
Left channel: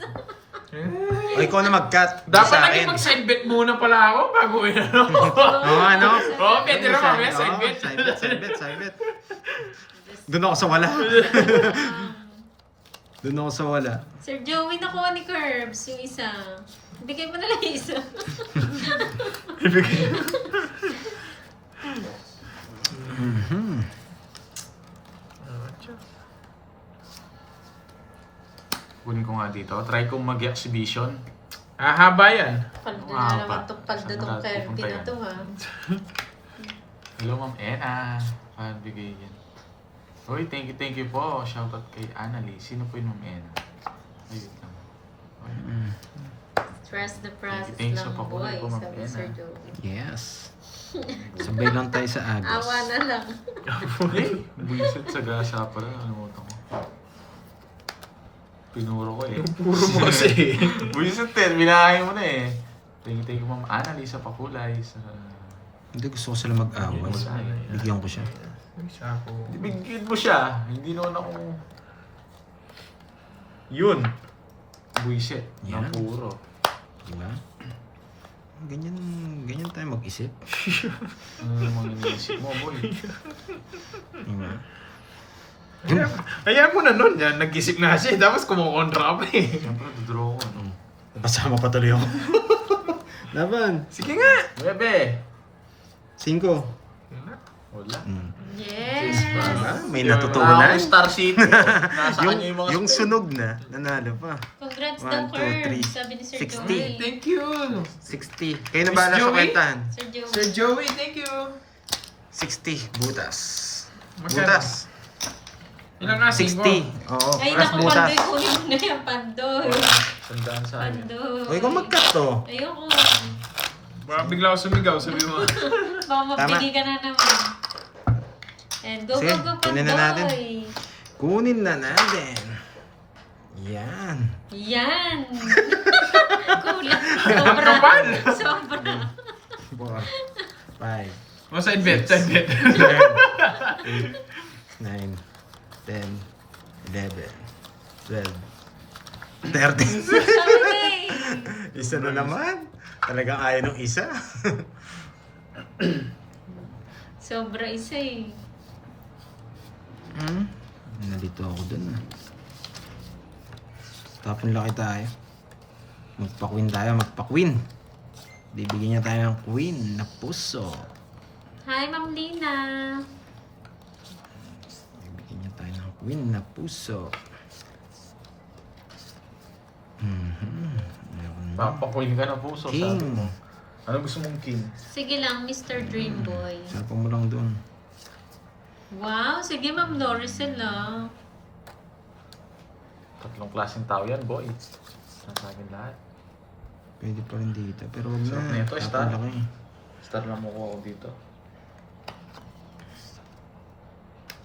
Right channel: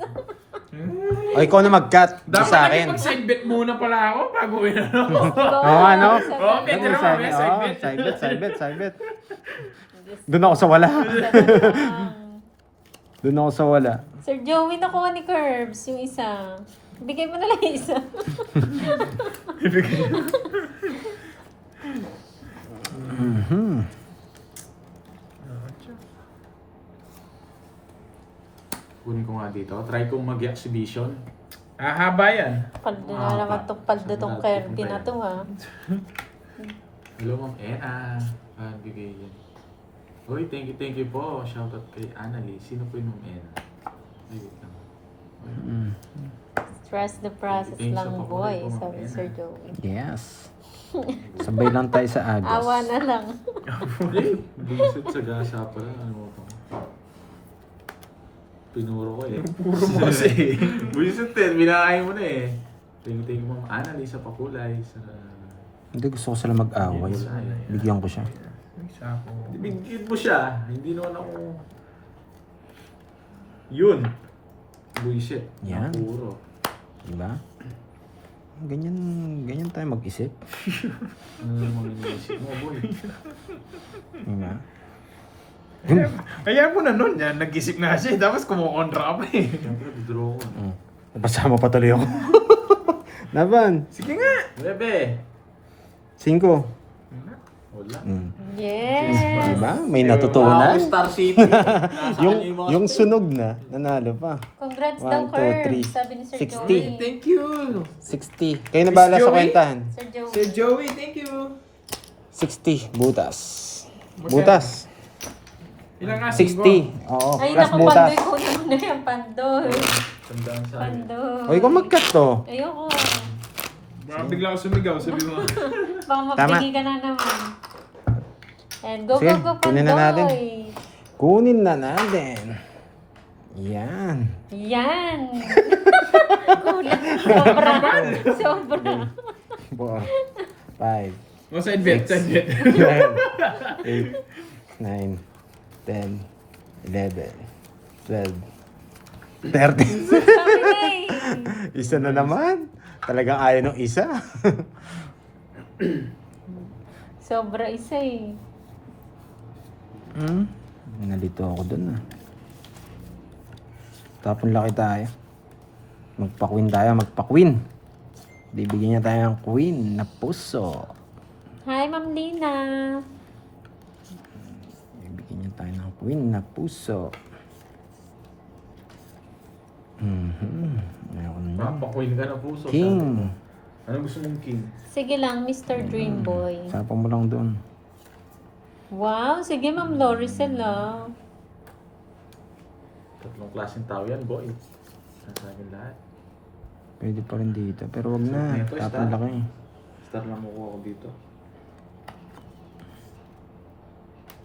O, ikaw na mag-cut. Dapat sa naging akin. mag-side bet muna pala ako bago ano. Oo, ano? Oo, pwede Ano, naman, may side oo, bet. side bet. Doon ako sa wala. Doon ako sa wala. Sir Joey, nakuha ni Curbs yung isa. Bigay mo na lang yung isa. Mhm. Kunin ko nga dito. Try kong mag-exhibition. Haba yan. Paldo na lang ang paldo tong Kirby na to, ha. Hello, Ma'am Ena. Bigay yan. Uy, thank you po. Shoutout kay Annalie. Sino po yung Ma'am Ena? Ayun. Trust the process Thanks lang, sa boy, pagkukulit ko, sabi Ma'am Sir Ena. Joey. Yes. Sabay lang tayo sa Agos. Awa na lang. Buisit sa gasa pala. Ano mo ito? Pinuro ko eh. Puro mo kasi. Buisit eh. Binahay mo na eh. Thank you, Ma'am Annalie sa pakulay. Sa... Hindi, gusto ko sila mag-away. Bigyan ko siya. Isa ako. Bigyan mo siya. Hindi naman ako... Yun. Buisit. Yan. Ang puro. Diba? Ganyan tayo mag-isip. Ano yung iniisip mo, boy? Diba? Kaya mo na nun yan, nag-isip na siya. Tapos kumukontra ka pa eh. Siyempre, dodraw ko. Napasama pa tuloy ako. Laban. Sige nga. Bebe! 5. Wala. Yes! Diba? May natutunan. Star City. Nasa kanya yung mga Yung sunog na, nanalo pa. Congrats 1, daw, 2, Curbs, 3, sabi ni Sir 60. Joey. Thank you. 60. Kayo na bahala sa Joey? kwentahan. Sir Joey. Sir Joey, thank you. 60. Butas. Magkano? Butas. Ilang ka? 60. Oo. Ay, Plus naku, butas. Pandoy, kunin mo na yan, Pandoy. sundaan sa akin. Pandoy. O, ikaw mag-cut to. Ayoko. Baka bigla ako sumigaw, sabi mo. Baka mapili ka na naman. And go, Sige, go, go, kunin na natin. Pandoy. Kunin na natin. Yan. Yan. Kulang. Sobra. Sobra. 4, 5, O, side bet, side bet. 8, 9, 10, 11, 12, 13. Sabi na eh. Isa na naman. Talagang ayaw ng isa. Sobra isa eh. Nalito ako dun ah. Tapon laki tayo. Magpa-queen tayo, magpa-queen. Bibigyan niya tayo ng queen na puso. Hi, Ma'am Lina. Bibigyan niya tayo ng queen na puso. Ayoko na. Papakuin ka na puso. King. Ano gusto mong king? Sige lang, Mr. Dreamboy. Sapang mo lang doon. Wow, sige Ma'am Loricel ah. Tatlong klaseng tao yan, boy. Nasabi lahat. Pwede pa rin dito. Pero wag So, na. neto, Tapon start. laki. Start na makuha ko dito.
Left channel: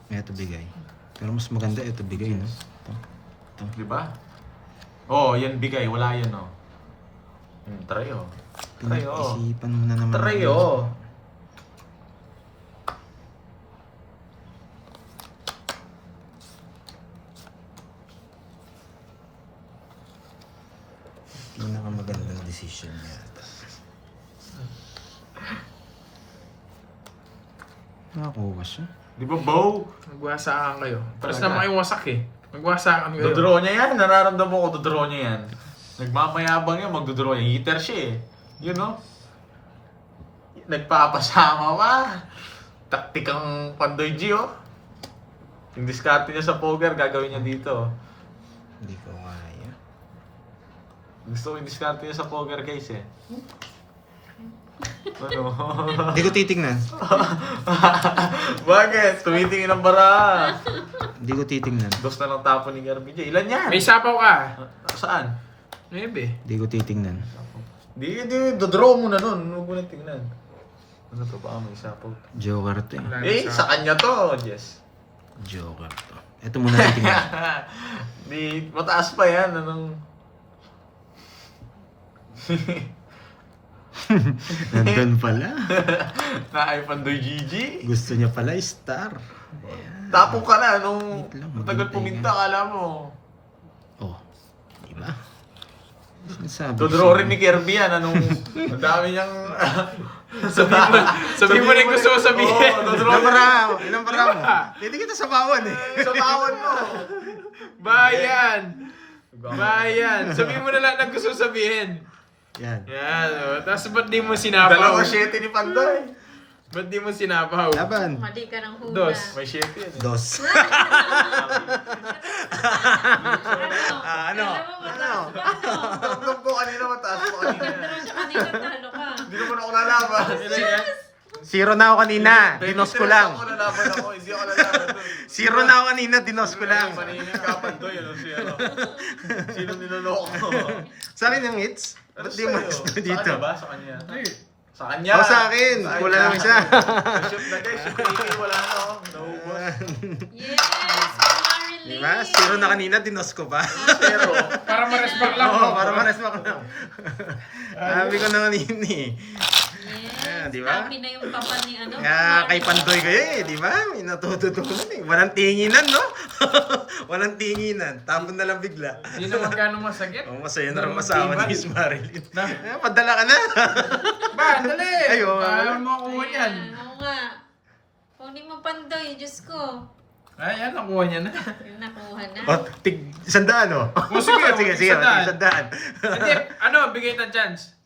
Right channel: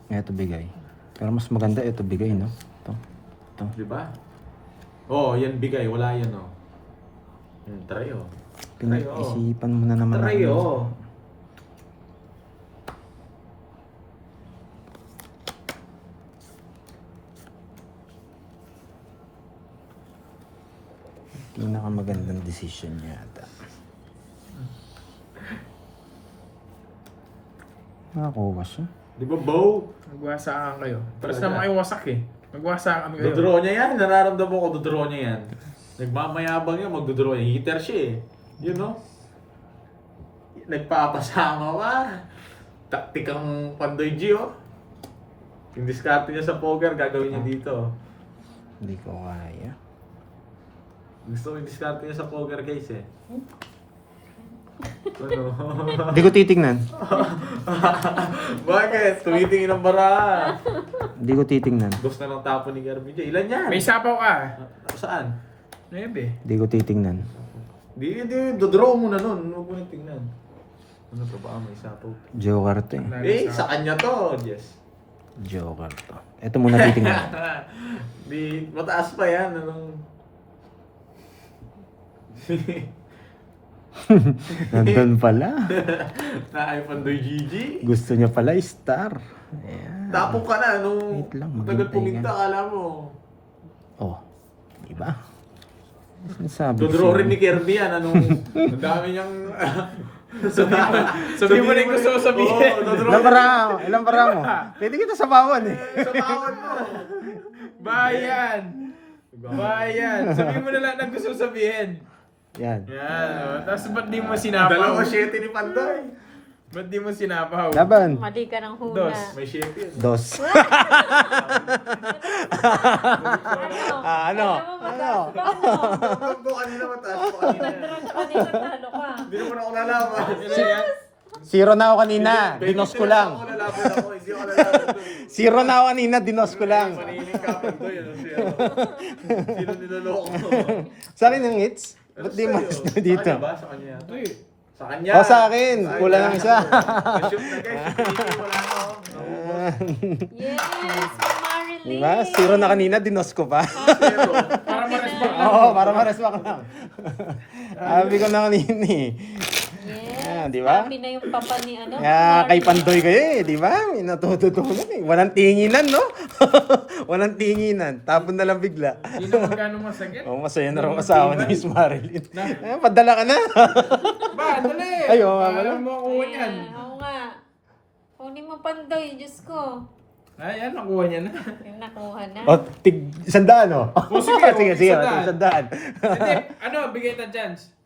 Ito bigay. Pero mas maganda ito bigay, no? Ito. Di ba? Oo, yan bigay. Wala yan, oh. Try, oh. Pinag-isipan mo na naman. Try, oh. Pinakamagandang decision niya ito. Nakakuha siya. Di ba, Bo? Magwasakan kayo. Tapos Talaga? na makiwasak eh. Magwasakan kayo. Dodraw niya yan. Nararamdaman ko, dodraw niya yan. Nagmamayabang yan, magdodraw niya. Hitter siya eh. Yun, no? Nagpapasama pa. Taktikang Pandoy G, oh. Yung diskarte niya sa poker, gagawin niya dito. Hindi ko kaya. Gusto ko yung diskarte niya sa poker case, eh. Ano? Hindi ko titingnan. Bakit? Tumitingin ang bara. Hindi ko titingnan. Dos na lang tapo ni RBJ. Ilan yan? May sapaw ka. Saan? Maybe. Hindi ko titingnan. Di, dodraw mo na nun. Huwag mo na tingnan. Ano to ba? May isapaw. Joe Carte. Eh, sa kanya to, Jess. Joker to. Ito muna titingnan. Di, mataas pa yan. Anong... Nandun pala. Na Pandoy GG. Gusto niya pala star. Ayan. Tapo ka na nung Wait lang, matagal maghintay puminta, lang. akala mo. Oh. Diba? Sinasabi Dodro sa'yo. rin ni Kirby yan. Anong... Ang dami niyang... Sabihin mo na yung gusto mo sabihin. Oo, Dodro. Ilang para mo? Pwede kita sabawan eh. Sa kawan mo. Bayan! Bayan! Sabihin mo na lang ang gusto mo sabihin. Yan. Yan, oh. Tapos ba't di mo sinapaw? Dalawa 7 ni Pandoy. Ba't di mo sinapaw? Laban. Mali ka ng hula. Dos. May 7 yan. Dos. Ano? Ano? Alam mo, mataas pa, ano? Huwag mo kanina mataas mo kanina. Pero siya kanina talo ka. Hindi naman ako lalaban. Zero na ako kanina. Dinos ko lang. Ako lalaban ako. Hindi ako lalaban doon. Zero na ako kanina. Dinos ko lang. Maninig ka Pandoy. Sino niloloko mo? Sabi ng hits. Ba't di mas Sa dito? kanya ba? Sa kanya? Sa kanya. O sa akin. Kulang lang siya. Shoot na guys. Wala na ako. Naubos. Yes, Marilyn. Diba? Zero na kanina. Dinos ko pa. Para ma-respect lang. Oo, para ma-respect lang. Sabi ko na kanina eh. Yes. Ah, di ba? Happy na yung papa ni ano. Nga kay Pandoy kayo eh, di ba? May natututunan eh. Walang tinginan, no? Walang tinginan. Tapon na lang bigla. Hindi na magkano masakit. Oh, masaya na rin asawa ni Miss Marilyn. Padala ka na. Ba, dali! Ay, oo nga Paano pala. mo kuha yan? Oo nga. Kunin mo Pandoy, Diyos ko. Ayan, nakuha niya na. Yung nakuha na. O, tig, 100 no? Oh, sige, sige, sige, 100. 100. Hindi, ano, bigay na chance.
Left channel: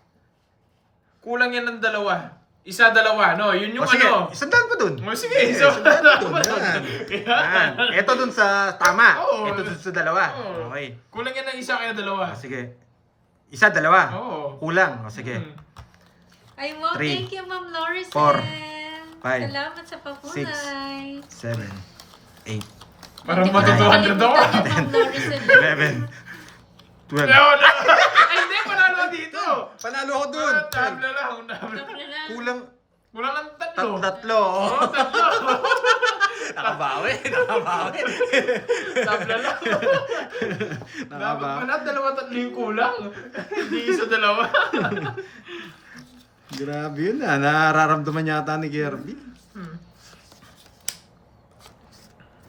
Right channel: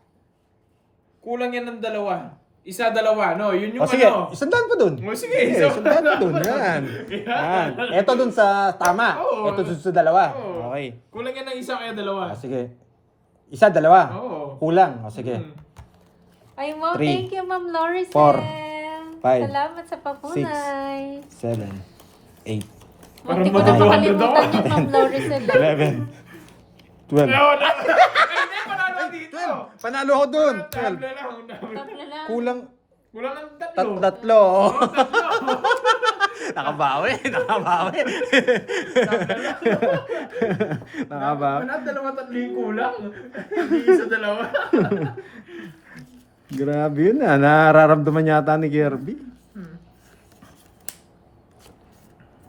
Kulang yan ng dalawa. Isa, dalawa, no? Yun yung O sige, ano. 100 pa dun. Oh, sige, Sige, so- 100 pa dun. Yan. Yan. Ito dun sa tama. Oo. Ito dun sa dalawa. Oo. Okay. Kulang yan ng isa kaya dalawa. Sige. Isa, dalawa. Oo. Kulang. O sige. Hmm. Ay mo, 3, thank you Ma'am Lorisen. 4, 5, Salamat sa papunay. 7, 8, Parang Hindi ko matutuhan nakalimutan na daw. yung Ma'am Lorisen. 11, 12. Wala, wala. Ay, hindi, panalo dito. Panalo ko dun. Tabla lang, tabla. Tapla lang. Kulang Kulang ng tatlo. tatlo. Oo, tatlo. Nakabawi. Tabla lang. Dapat Nakabawi. pala, dalawa, tatlo yung kulang. Hindi isa, dalawa. Grabe yun ah. Nararamdaman yata ni Kirby.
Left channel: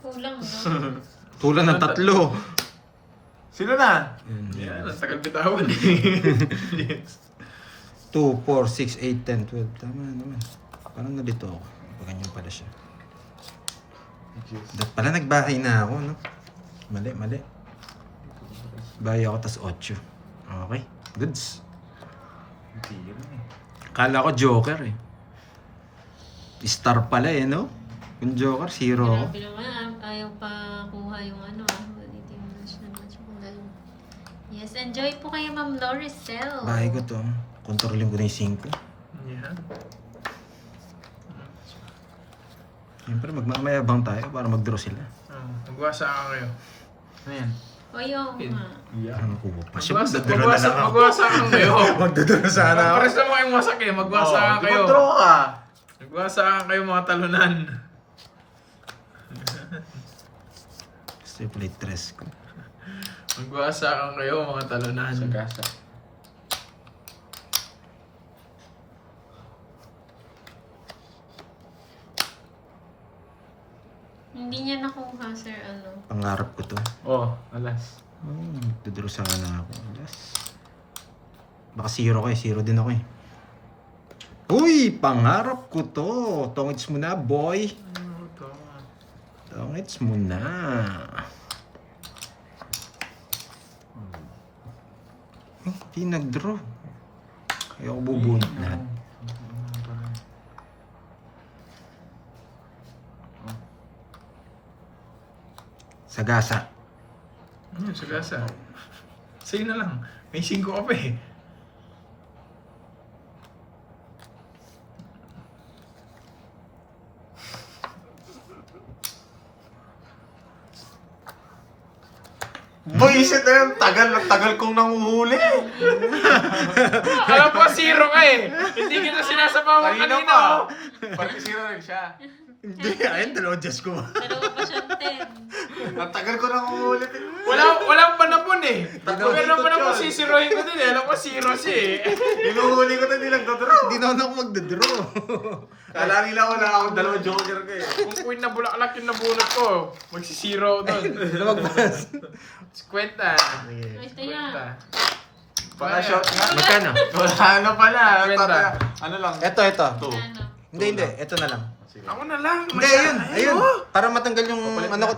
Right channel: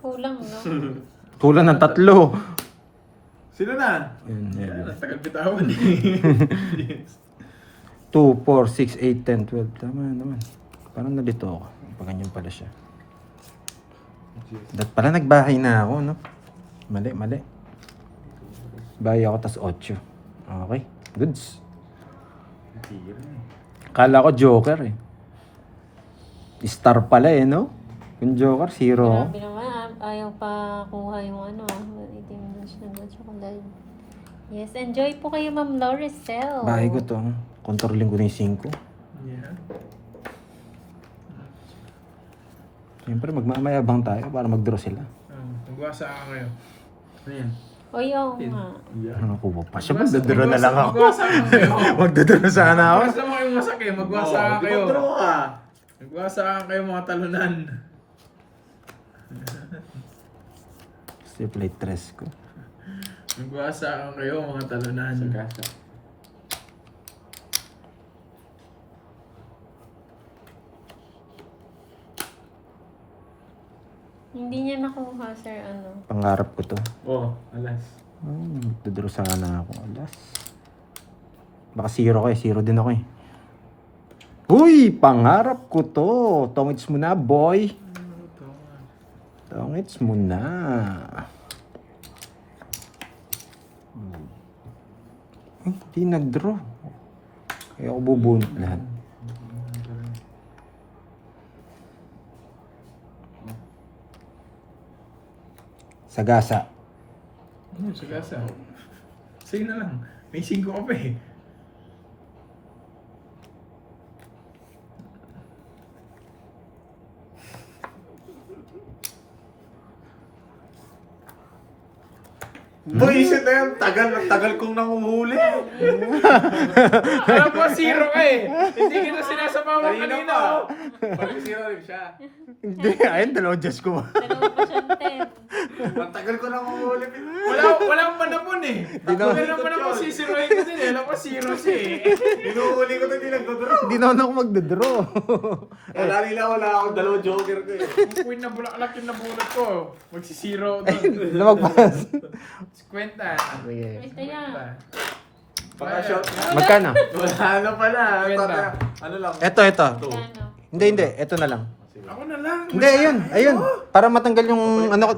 Kulang, no? Kulang ng tatlo. Sino na? Yan, ang tagal bitawan eh. 2, 4, 6, 8, 10, 12. Tama naman. Parang nalito ako. Paganyan pala siya. Pala nagbahay na ako, no? Mali. Bahay ako, tas 8. Okay. Goods. Kala ko Joker eh. Star pala eh, no? Yung Joker, zero ako. Grabe naman, ayaw pa kuha yung ano, itim na siya na chocolate. Yes, enjoy po kayo Ma'am Loricel. Bahay ko to. Kontrolin ko na yung 5. Yan. Siyempre, magmamayabang tayo para mag-draw sila. Magwasa ka ngayon. Ano yan? O yun nga. Ano ko ba? Pasya, magdadraw na lang ako. Magwasa ka ngayon. Magdadraw sana ako. Pares naman kayong wasak eh. Magwasa ka kayo. Mag-draw ka. Magwasa ka kayo mga talunan. Triple 3 ko. Magwasa ka kayo mga talunan. Sa gasa. Hindi niya nakuha, sir, ano. Pangarap ko to. Oh, alas. Magdadraw sana ako. Alas. Baka zero ko eh. Zero din ako eh. Uy! Pangarap ko to. Tongits mo na, boy. Tongits mo na. Hindi nag-draw. Kaya ako bubunot lahat. Sagasa. Ano, sagasa. Sige na lang. May 5 ka pa eh. Buisit na yun. Tagal kong nanguhuli. Alam ko, zero ka eh. Hindi kita sinasabawan Kanina kanina. pa. oh. Pag-isira rin siya. Hindi, ayun, dalawang Diyos ko. Dalawa pa siyang 10. Ang tagal ko nanguhuli. Walang panapon eh. Meron naman ako sisiroin ko din eh. Alam ko, zero siya eh. Hinuhuli ko na nilang dadra. Hindi na ako magdadraw. Kala nila wala akong dalawang joker ko eh. Kung queen na bulaklak yung nabunot ko, magsisiro doon. Lumagpas. 50. Sige. Ito yan. Paka-shot nga. Magkano? Wala na pala. Kwenta. Ano lang? Ito. Two. Ano? Hindi. Ito na lang. Sige. Ako na lang. Hindi, ayun. Para matanggal yung,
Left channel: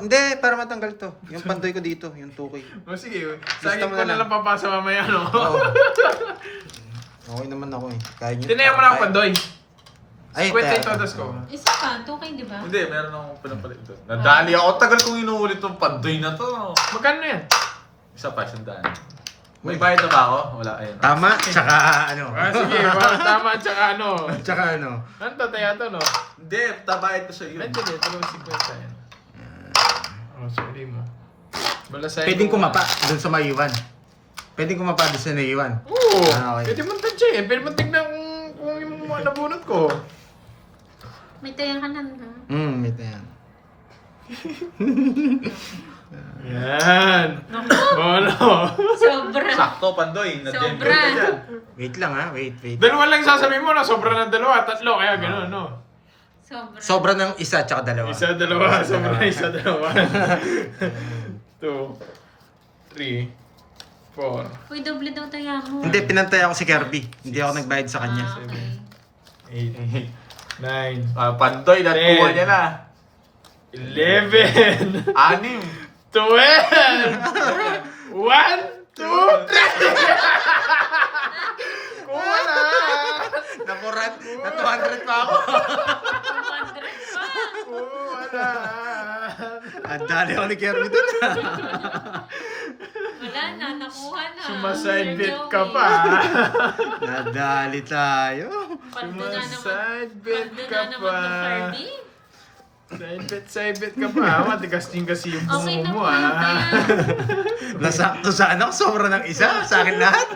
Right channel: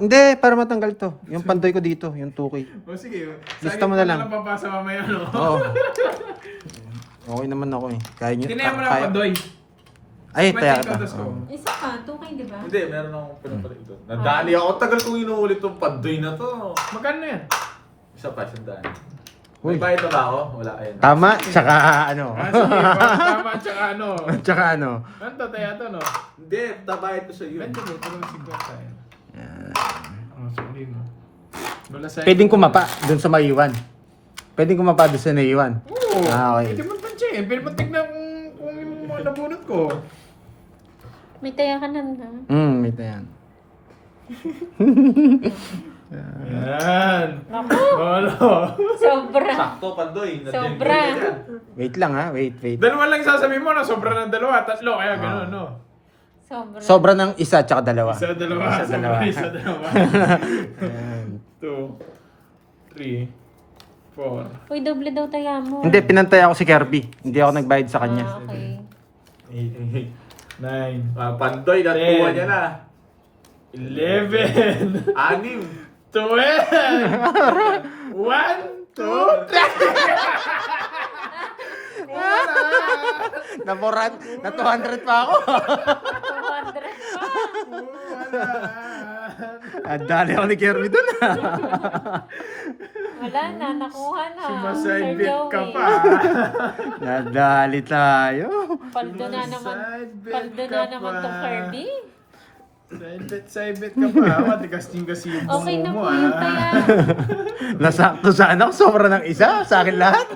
hindi, para matanggal to. Yung pantoy ko dito, yung 2K. O sige, Gusto sagit mo ko na na lang. lang papasa mamaya, no? Oo. Okay naman ako eh. Kaya nyo. Tinayan mo lang ako, Pandoy. Ay, 50 kaya. yung totas ko. Isa pa, 2K di ba? Hindi, meron akong pinapalit ito. Nadali ako. Tagal kong inuulit itong pandoy na to. Magkano na yan? Isa pa, siyang daan. May bayad na ba ako? Wala, ayun. Tama, tsaka ano. Ah, sige, walang tama, tsaka ano. Tsaka ano. Ano to, tayo to, no? Hindi, tabayad ko sa iyo. Hindi, talagang 50 yan. Oh, sorry mo. Balasay Pwedeng ko. kumapa doon sa maiwan. Pwedeng kumapa doon sa naiwan. Oo, Ah, okay. pwede mo touch eh. Pwede mo tignan kung yung mga nabunot ko. May taya ka na ba? Ito yan. Yan. Naku, Bolo. sobra. Sakto, pandoy. Nandiyan Sobra. ka dyan. Wait lang ha, wait. Dalawa lang sasabihin mo na sobra ng dalawa, tatlo, kaya gano'n, no? Sobra. Sobra ng isa tsaka dalawa. Isa, dalawa, sobra, isa, dalawa. 2, 3, 4, Uy, doble daw taya mo. Hindi, pinantay ako si Kirby. Hindi ako nagbayad sa kanya. Ah, okay. 8, 9, Ah, pandoy, natuwa niya na. 11, 6. 12, 1, 2, 3. Na 200 pa ako. 200 pa. Ang dali ako ni Kirby doon. Wala na, nakuha na. Sumaside Sir bet ka Joey. pa. Nadali tayo. Paldo na naman. Sumaside bet Paldo ka na naman to pa. Kirby. Side bet ka pa. Matigas din kasi yung Okay na bungo po mo, yung ah. taya. Nasakto sa anak, sobra ng isa. Sa akin lahat.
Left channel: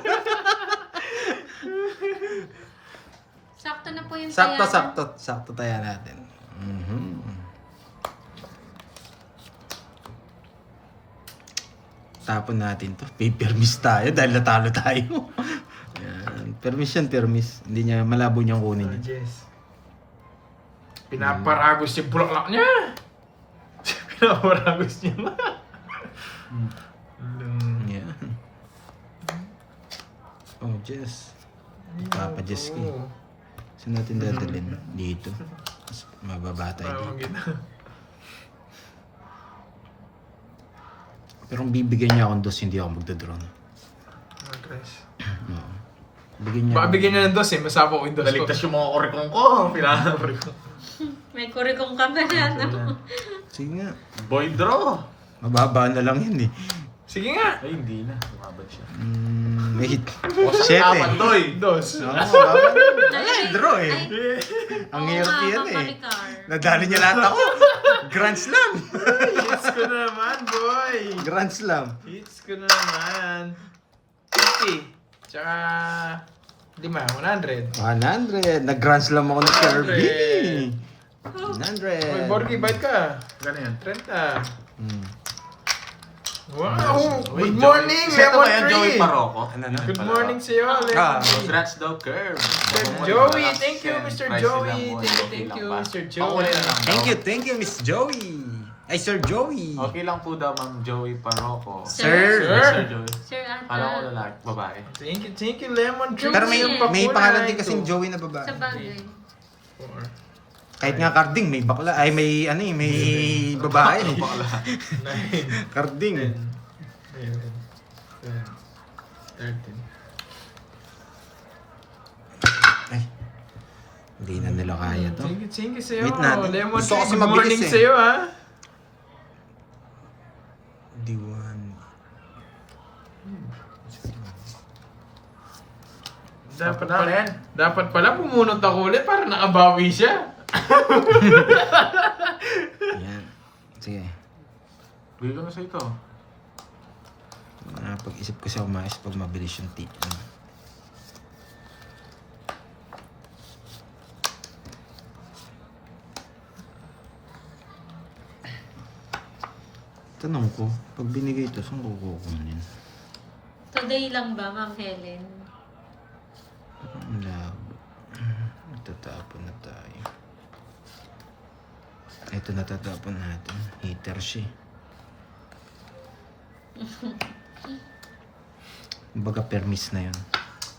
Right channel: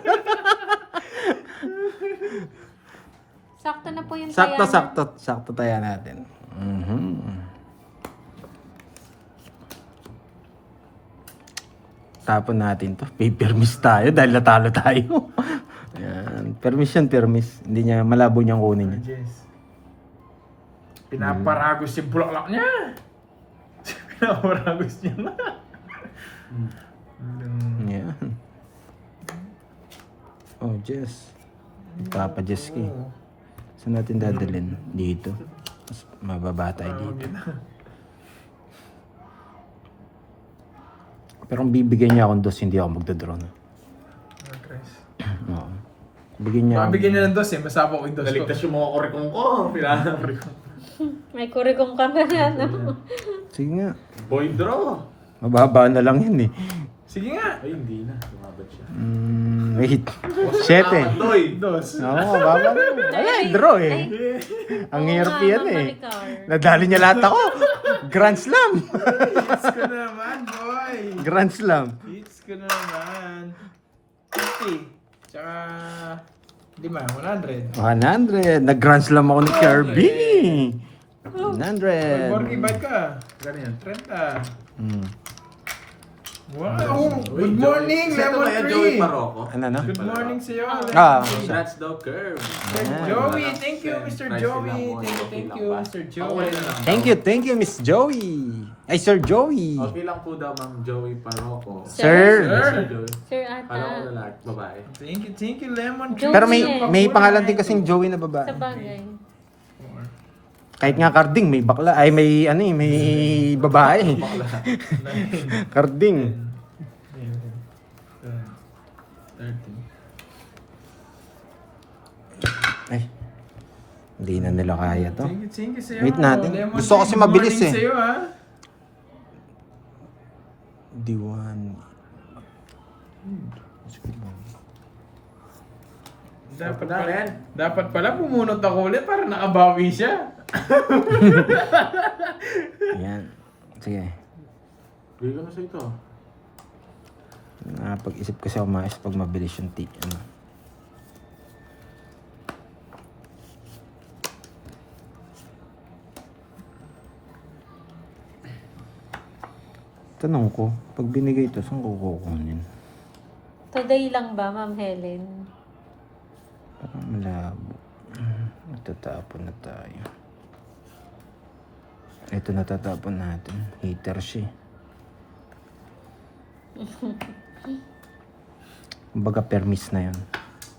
Sakto na po yung taya. Sakto tayo natin. Tapon natin to. Paper miss tayo dahil natalo tayo. Yan. Permis. Hindi niya malabo niyang kunin. Yes. Pinaparagos yung bulaklak niya. Pinaparagos niya na. Yan. Oh, Jess. Tapa Jess ka. Saan natin dadalhin? Dito. Mas mababa tayo dito. Pero kung bibigyan niya akong dos, hindi ako magdodrone. Oo. Bigyan niya Baka bigyan niya ng dos eh. Masapa ko yung dos ko. Naligtas yung mga kurekong ko. Pinapari ko. May kurikong ka ba na, no? Sige nga. Boy draw. Mababa na lang yun eh. Sige nga. Ay, hindi na. Tumabad siya. Wait. Ah, 7. pandoy. Dos. Oo, mababa na. Ay, draw eh. Ay, Ang oo hirap nga, yan Ma'am eh. Maricar. Nadali niya lahat ako. Grand Slam. Hits ko na naman, boy. Grand Slam. Hits ko na naman. 50. Tsaka 5, 100. 100. Nag-Grand Slam ako ng Kirby. 100. Boy, Borgie, ba't ka? Ganyan. 30. Wow! Wait, Good morning, Joey. Sino Lemon ba yan, Joey Tree! Paroko? Ano na? Good morning sa'yo, Ah. Lemon Tree. Congrats daw, Curve. Joey, thank you, Mr. Price Joey. lang po. Thank you, Mr. Ako Joey. ulit lang. Thank you, Miss Joey. Ay, Sir Joey. Okay lang po daw, Ma'am Joey Paroko. Sir. Sir Joey. Sir Kala ko Ata. lalaki, babae. Thank you, Lemon Tree. Pero may Joey. may pangalan din kasing Joey na babae. Sa bagay. Kahit nga Karding, may bakla. Ay, may ano eh, may babae. Karding. 13. Ay, hindi na nila kaya to. Thank you sa'yo. Wait natin. Lemon Gusto Tree, kasi good mabilis morning eh. sa'yo, ha? D1. Dapat pala pumunot ako ulit para nakabawi siya. Ayan. Sige. Bigyan ko sa ito. Napag-isip ko sa umayos pag mabilis yung ano. Tanong ko, pag binigay ito, saan ko kukunin? Today lang ba, Ma'am Helen? Parang malabo. Matatapon na tayo. Ito natatapon natin. Hater siya. Kumbaga permis na yun.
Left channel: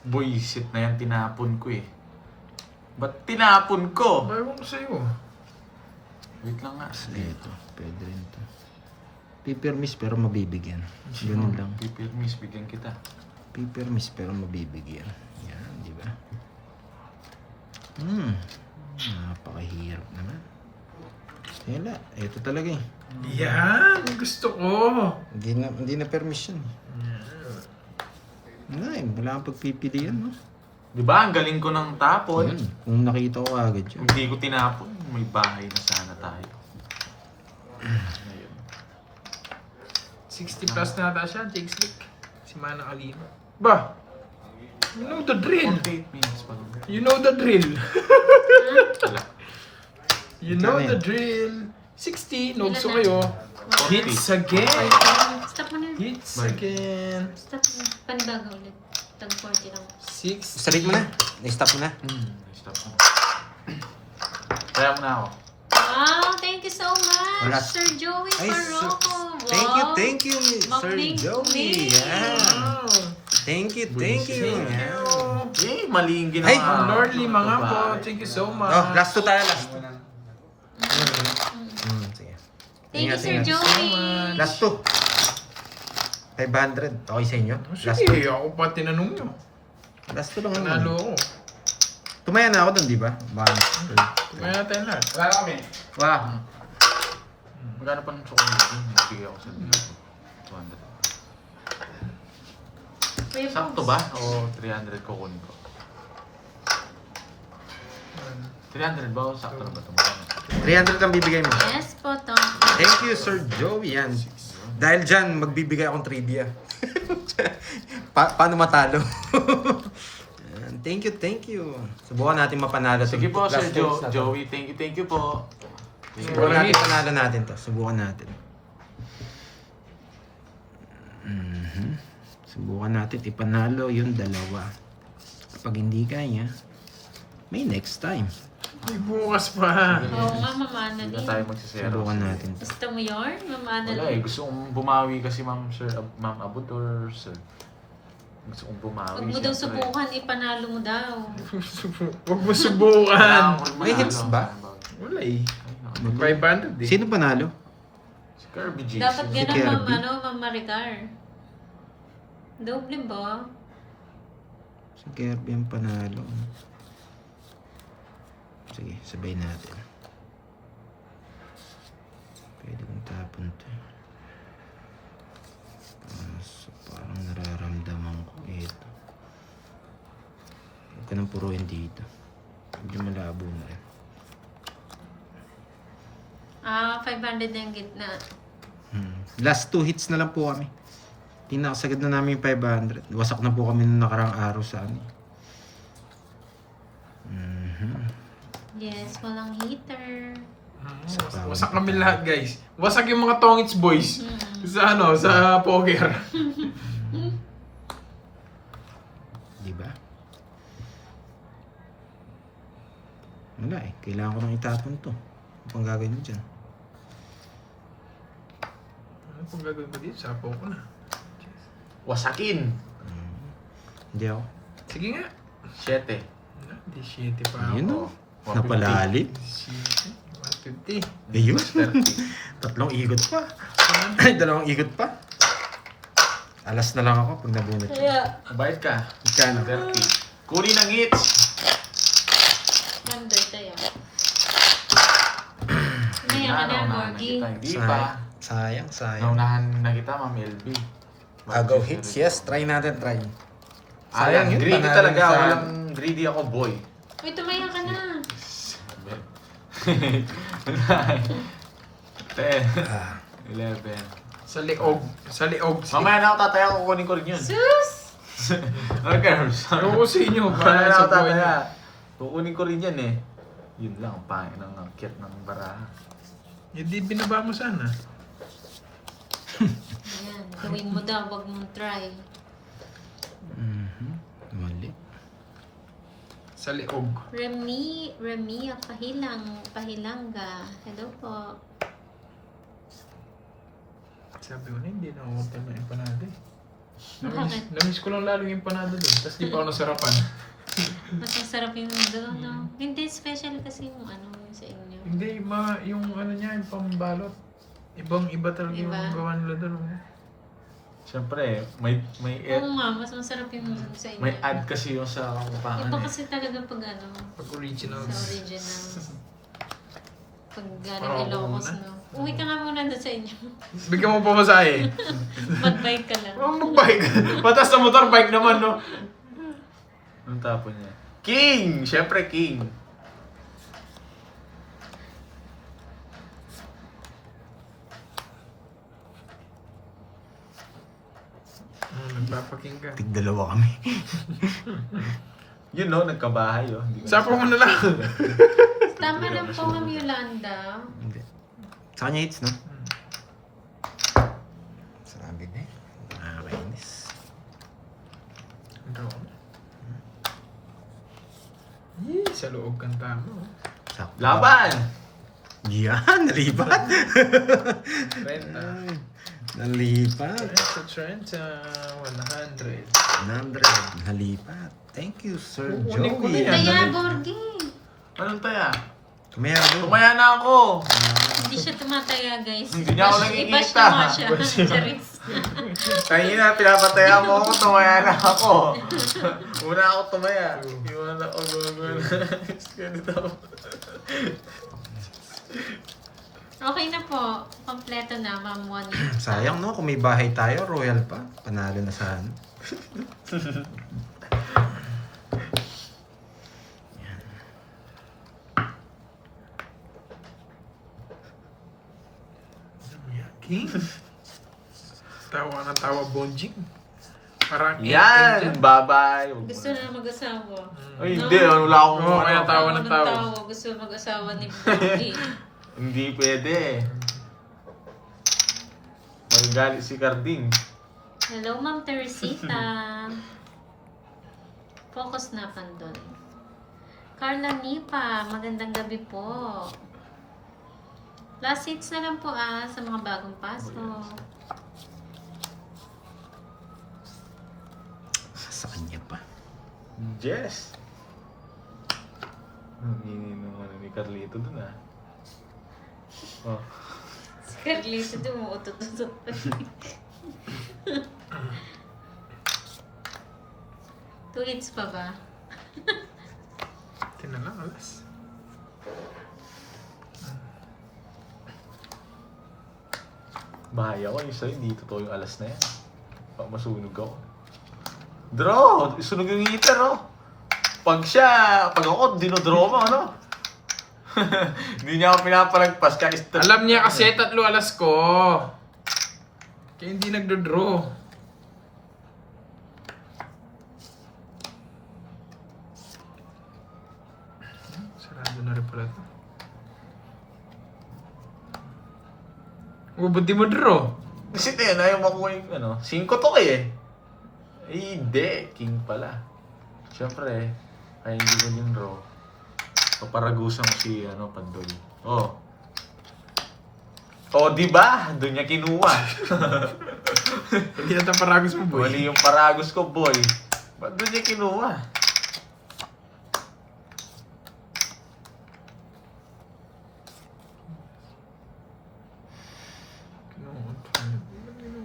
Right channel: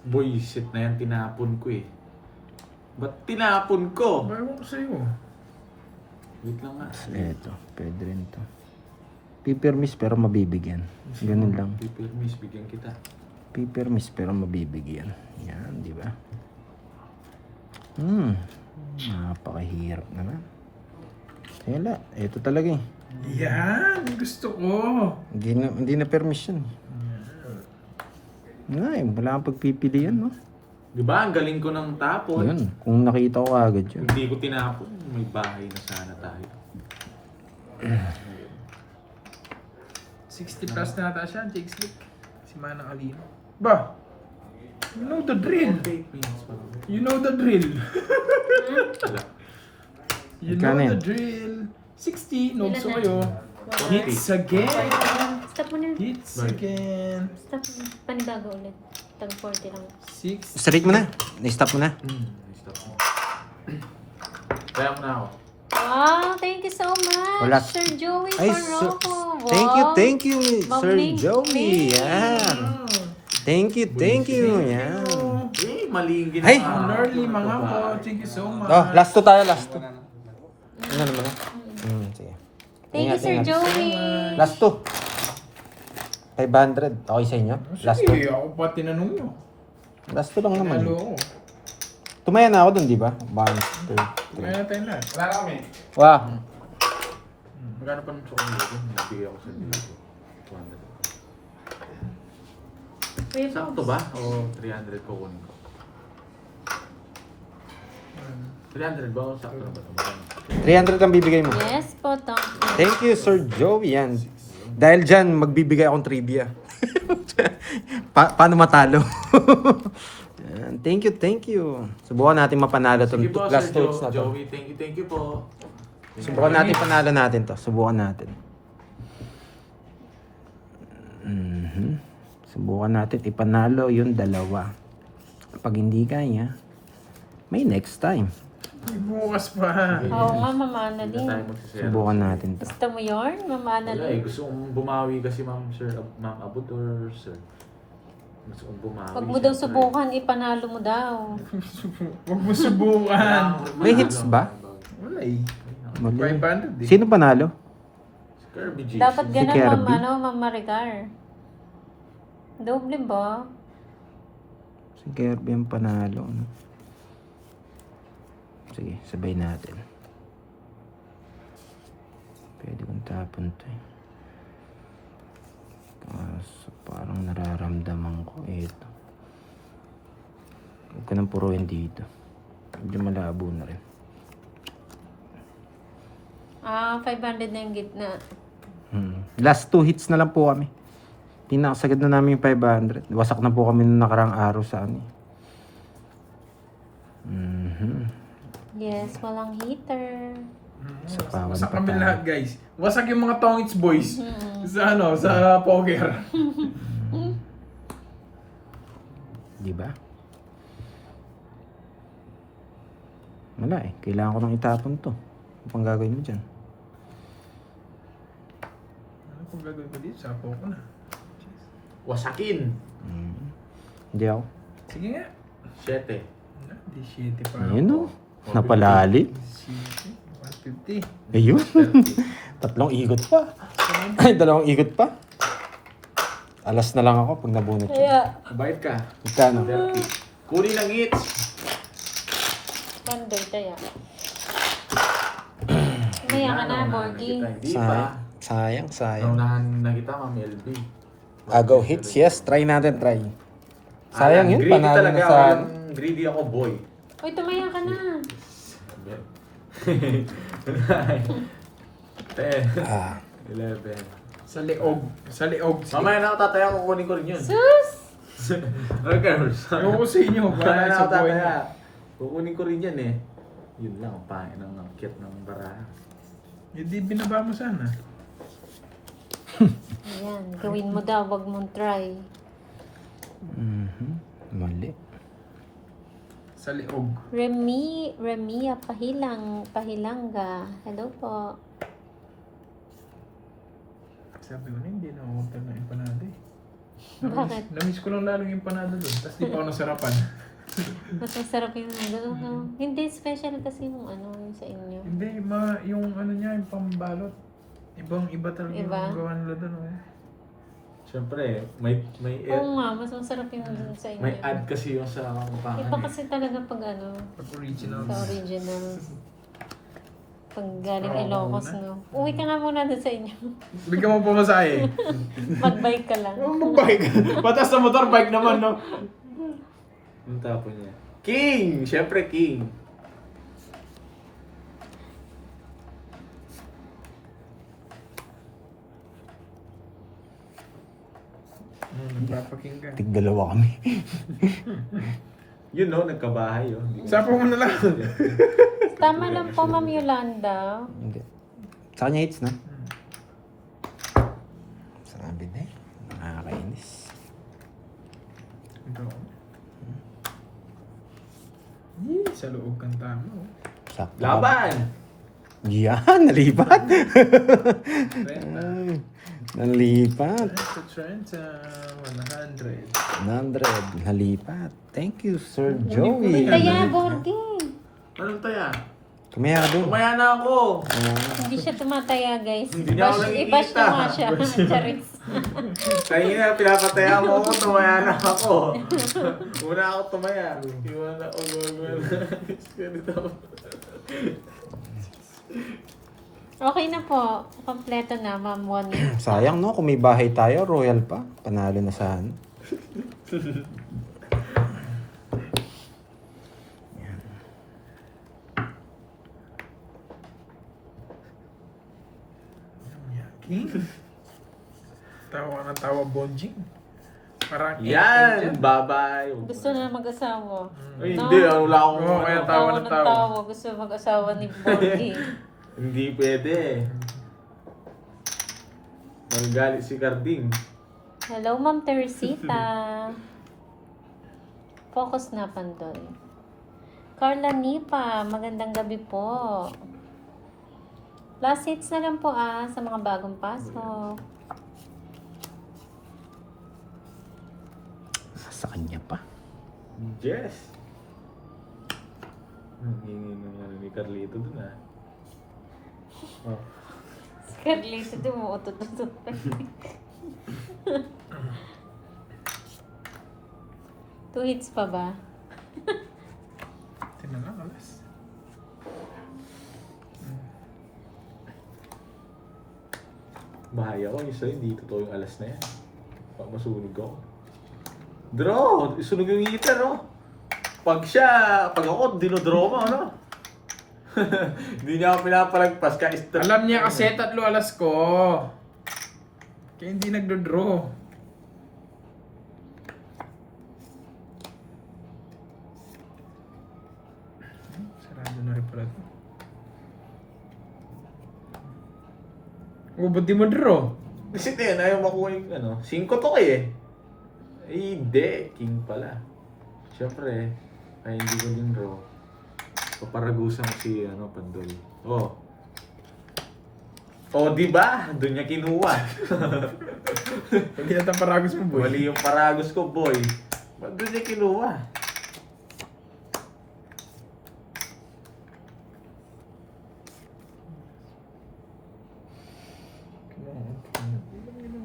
Boy, shit na yan, tinapon ko eh. Ba't tinapon ko? Mayroon ko sa'yo. Wait lang nga. Kasi ito, pwede rin ito. Pipermis pero mabibigyan. Ganun lang. Pipirmis, bigyan kita. Pipermis pero mabibigyan. Yan, di ba? Napakahirap naman. Wala, ito talaga eh. Yan! Gusto ko! Hindi na permission. Wala eh, wala kang pagpipilian, no? Di ba? Ang galing ko ng tapon. Yun, kung nakita ko agad yun. Hindi ko tinapon. May bahay na sana tayo. 60 plus na ata siya, Jake Slick. Si Mana Alima. Ba? You know the drill. 48 minutes pa lang. You know the drill. Wala. You Ikaw know na the yan. drill. 60, Ilan nogso na? kayo. Wala. Hits again. Stop mo na yun. Hits again. Stop mo. Panibaga ulit. Tag 40 lang. 6. Straight mo na. Na-stop mo na. Stop mo. Kaya na ako. Wow, thank you so much, Wala. Sir Joey Ay, Farroco. Wow. Thank you, Ma'am Sir Ning Joey. Ning. Yeah. Thank you. Yeah. Eh, mali yung Hey! ginawa. Norly, mga po. Thank you so much. Oh, last 2 tayo, last 2. Sige. Thank you, Ingat, Sir ingat. Joey. Last 2. 500. Okay sa inyo? Last Sige, 2. ako pa tinanong nyo. Last 2 lang naman. Panalo ako. Tumaya na ako dun, di ba? 1, 2, 3. Kaya tayo na. Wow. Magkano pa ng chocolate? Nagbigay ako sa dito. 200. Kuya Sakto Pops. ba? O 300 ko kunin ko? 300 ba? O sakto na ba? 300 ang bibigay mo. Yes po, Tom. Thank you, Sir Joey. Yan. Dahil dyan, magbibigay akong trivia. Paano matalo? Yan. Thank you. Subukan natin mapanalo itong Sige po, Sir last hits na to. Joey. Thank you po. Subukan natin panalo natin to. Subukan natin. Subukan natin ipanalo yung dalawa. Pag hindi kaya, may next time. May bukas pa. Oo nga, Mama Hindi na tayo Annalyn. magsisira. Subukan natin to. Gusto mo yun, Mama Wala eh. Annalyn? Gusto kong bumawi kasi Ma'am Abud or Sir. Gusto kong bumawi. Pag mo daw syempre. subukan, ipanalo mo daw. Huwag mo subukan. May hits ba? Wala eh. Mali. 500 eh. Sino panalo? Si Kirby J. Dapat Si ganun, Kirby? Ma'am Maricar. Doble ba? Si Kirby ang panalo. Sige, sabay natin. Pwede kong tapon to. Kaso parang nararamdaman ko ito. Huwag ko nang puruin dito. Medyo malabo na rin. 500 na yung gitna. Last 2 hits na lang po kami. Pinakasagad na namin yung 500. Wasak na po kami nung nakarang araw sa amin. Yes, walang heater. Wasak kami lahat guys. Wasak yung mga Tongits boys. Sa ano, sa poker. Di ba? Wala eh. Kailangan ko nang itapon to. Ano pang gagawin mo dyan? Ano pong gagawin ko dito? Sapo ko na. Wasakin. Hindi ako. Sige nga. 7. Di 7 pa. Ayun o. Napalalim. 7. 150. Ayun. 3 ikot pa. Ay, 2 ikot pa. Alas na lang ako pag nabunot ko. Kaya, Bayad ka. Ikano? 30. Kuri ng hits. mandoy tayo. Maya ka na, Borgie. Hindi pa. Sayang, sayang. Naunahan na kita, Ma'am LB. Agaw hits, yes. Try natin, try. Sayang yun, Greedy panalo talaga. na sa... Walang greedy ako, boy. Uy, tumaya ka na. 10. Ah, 11. Sa liog. Sa liog. Mamaya na ako tataya, kukunin ko rin yun. Sus! Workers. Ako sa inyo. Mamaya Para na sa ako buhay niyo. tataya. Kukunin ko rin yan eh. Yun lang, ang pangin ng kit ng baraha. Hindi binaba mo sana. Ayan, gawin mo daw, wag mong try. Mali. Sa liog. Remy, Pahilanga. Hello po. Sabi ko na, hindi na umutan yung empanada eh. Bakit? Namiss ko lang lalo yung empanada doon. Tapos di pa ako nasarapan. Mas masarap yung gano'n, no? Hindi, special kasi yung ano, yung sa inyo. Hindi, yung ano niya, yung pambalot. Ibang-iba talaga Iba? yung gawa nila doon. Oh. Siyempre, may Oo nga, mas masarap yung sa inyo. may add kasi yun sa upahan. Iba kasi talaga pag ano, Pag original. sa original. Pag galing Oo, Ilocos, muna. no? Uwi ka nga muna doon sa inyo. Bigyan mo pa masahe. Mag-bike ka lang. Oh, mag-bike. Matas na motor, bike naman, no? Anong tapon niya? King! Siyempre, King. Nagpapakinggan. Tig-dalawa kami. Yun no, nagkabahay oh. Sapa mo na lang. Tama lang po, Ma'am Yolanda. Hindi. Sa kanya hits, no? Sabi na eh. Nakakainis. Drone. Yee, sa loob kang tama. Sakto. Laban! Yan, nalipat. Trend na. Nalipat. Sa trend sa 100. 100. Nalipat. Thank you, Sir Kunin ko na Joey. yan. Taya, Borgi. Anong taya? Tumaya doon. Tumaya na ako! Hindi siya tumataya, guys. Hindi niya ako nakikita. I-bash niyo nga siya. Charis. Kanina, pinapataya mo ako, tumaya na ako. Muna ako tumaya. Iwan ako, gano'n. Ganito ako. Okay na po. Kompleto na, Ma'am Wani. Sayang, no? Kung may bahay tayo, royal pa. Panalo na sana. King. Tawa ng tawa, Bonjing. Parang Yan! Bye-bye! Gusto na mag-asawa. Ay, hindi. Wala akong Oo, kaya ano. tawa ng ng tawa. tawa. Gusto mag-asawa ni Borgi. Hindi pwede. Magagalit si Carding. Hello, Ma'am Teresita. Focus na, Pandoy. Carla Nipa, magandang gabi po. Last hits na lang po sa mga bagong pasok. Sa kanya pa. Yes! Hindi ni Carlito dun Oh. Si Carlito, dumuutot-utot pa. Two hits pa ba? Kinalang, alas. Bahaya ko isa, hindi totoo yung alas na yan. Baka masunog ako. Draw! Isunog yung heater, oh! Pag ako, dinodraw mo, ano? Hindi niya ako pinapalagpas, kahit Alam niya kasi tatlo alas ko. Kaya hindi nagdodraw. Sarado na rin pala ito. Oh, ba't di mo draw? Kasi din, ayaw makuha yung ano. 5 to eh. Eh, hindi. King pala. Siyempre, ay hindi ko din draw. Paparagusan ko si Pandoy. Oh. Oh, di ba? Doon niya kinuha. Hindi yata paragos mo, boy. Mali yung paragos ko, boy. Ba't doon niya kinuha?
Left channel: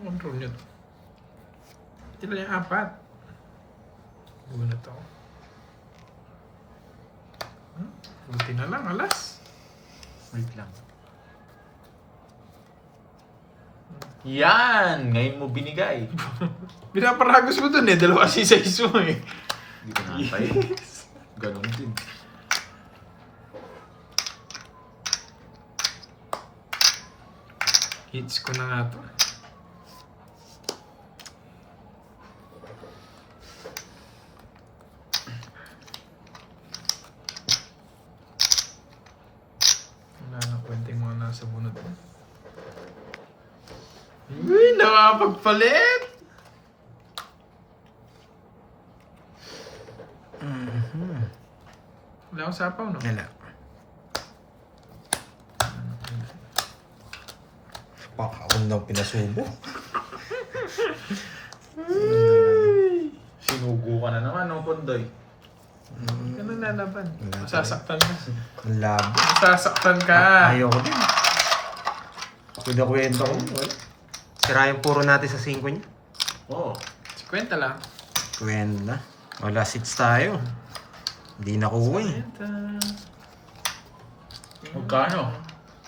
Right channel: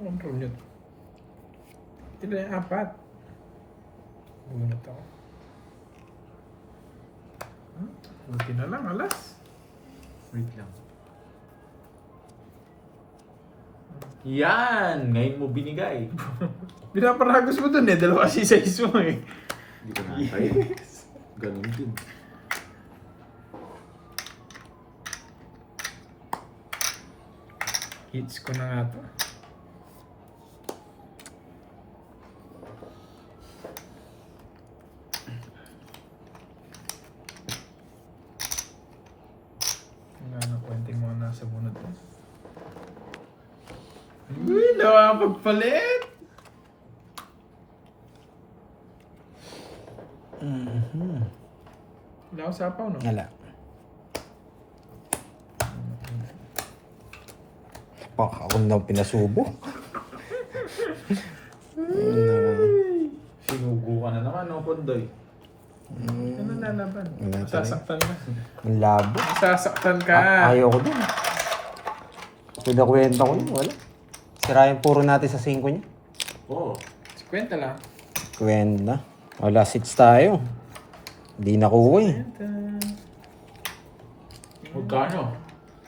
Control nyo to. Tila yung 4. Buwan na to. Buti na lang, alas. Wait lang. Yan! Ngayon mo binigay. Pinaparagos mo dun eh. Dalawa kasi sa iso eh. Hindi ko nakapay. Ganon din. Hits ko na nga to. nakapagpalit. Wala akong sapaw, no? Wala. Baka ako na pinasubo. Sinugo ka na naman, no, Pondoy? Ano lalaban? Sasaktan ka. Ang labo. Sasaktan ka. Ayaw ko din. Pinakwenta ko din. Wala. Sira yung puro natin sa 5 niya. Oo. 50 lang. Kwenta. Wala 6 tayo. Hindi nakuha eh. Magkano?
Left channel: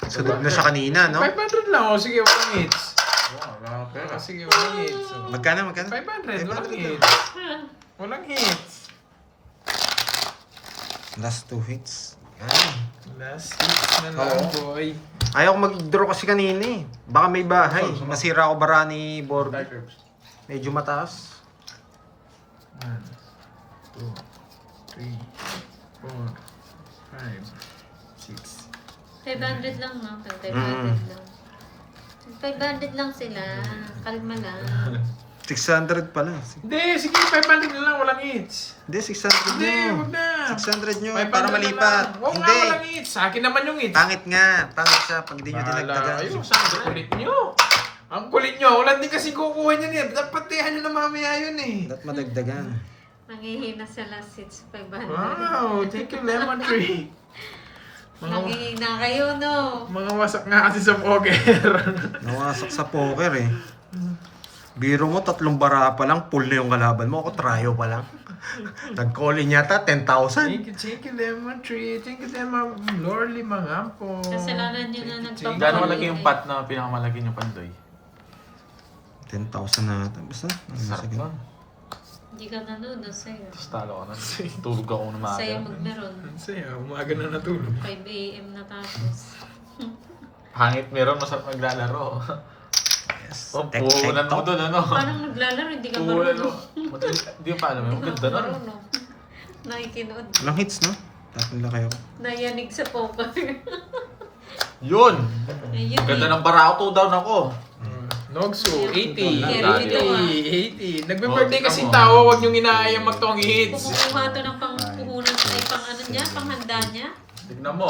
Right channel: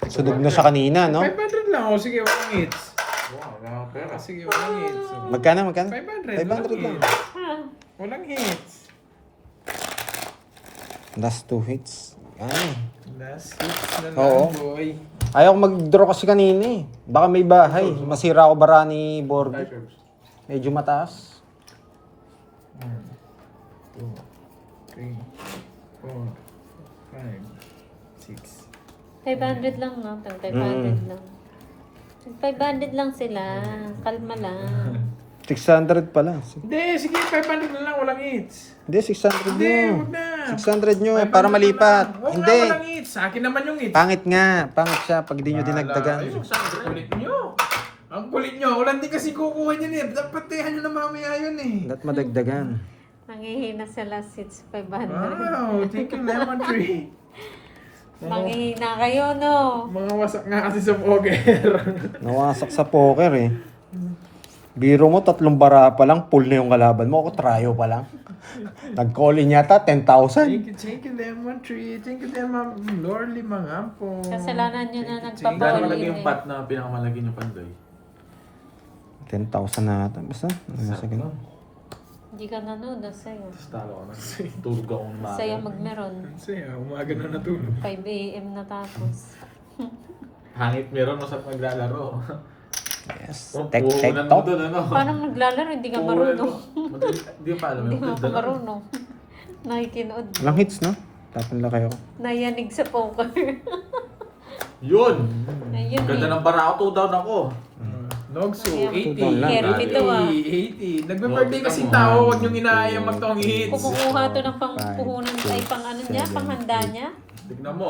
Sunog na siya kanina, no? 500 lang. O sige, walang hits. Wala pera. O sige, walang hits. Magkano? 500 500 lang. hits. Walang hits. Last 2 hits. Ano? Last hits na lang, Oo. boy. Ayaw ko mag-draw kasi kanina eh. Baka may bahay. Masira ako bara ni Borgi. Hi, Curbs. Medyo mataas. 1, 2, 3, 4, 5, 6. 500 lang, no? 500 lang. 500 lang sila. Kalma lang. 600 pala. Hindi, sige, 500 na lang, walang hits. Hindi, 600 Hindi, nyo. wag na. 600 nyo 500 para na malipat. lang. Wag na, Hindi. walang hits. Sa akin naman yung hits. Pangit nga. Pangit siya pag di nyo Ay, dinagdagan. ang kulit nyo. Ang kulit nyo. Wala din kasi kukuha niyan eh. Dapat tihan nyo na mamaya yun eh. Ba't madagdagan? Manghihina sa last hits, 500. Wow, thank you, Lemon Tree. Manghihina kayo, no? Mga wasak nga kasi sa poker. Nawasak sa poker eh. Biro mo, 3 bara pa lang, full na yung kalaban mo. Ako, tryo pa lang. Nag-call-in yata, 10,000. Thank you, Lemon Tree. Thank you, Lemon Lorly Mangampo. Kasalanan nyo na Gano'ng nagpapakuli. malaki yung pot na pinakamalaki niyo, Pondoy? 10,000 na ata. Basta. Sakto. Hindi ka nanood, sa'yo. Tapos talo ka na. Tulog ako ng maaga. Sa'yo magmeron. Saya, umaga na natulog. 5 a.m. na tapos. Hangit meron, masarap naglalaro. Yes. Oh, Tek, tek, puhunan mo top. doon, ano? Paano maglalaro? Hindi ka marunong. Hindi pa alam Hindi yung ka ganda na. marunong. Nakikinood. Walang hits, no? Tapon lang kayo. Nayanig sa poker. Yun! Ayun Ang ganda eh. ng barako, 2 down ako. Nogso, Ayun. 80. Carry ito, ah. 80. Nagbe-birthday Oh, kasi tama. tao, huwag niyong inaayang magtong hits. Kumukuha to ng pangpuhunan ay pang ano niya, panghanda niya. Tignan mo.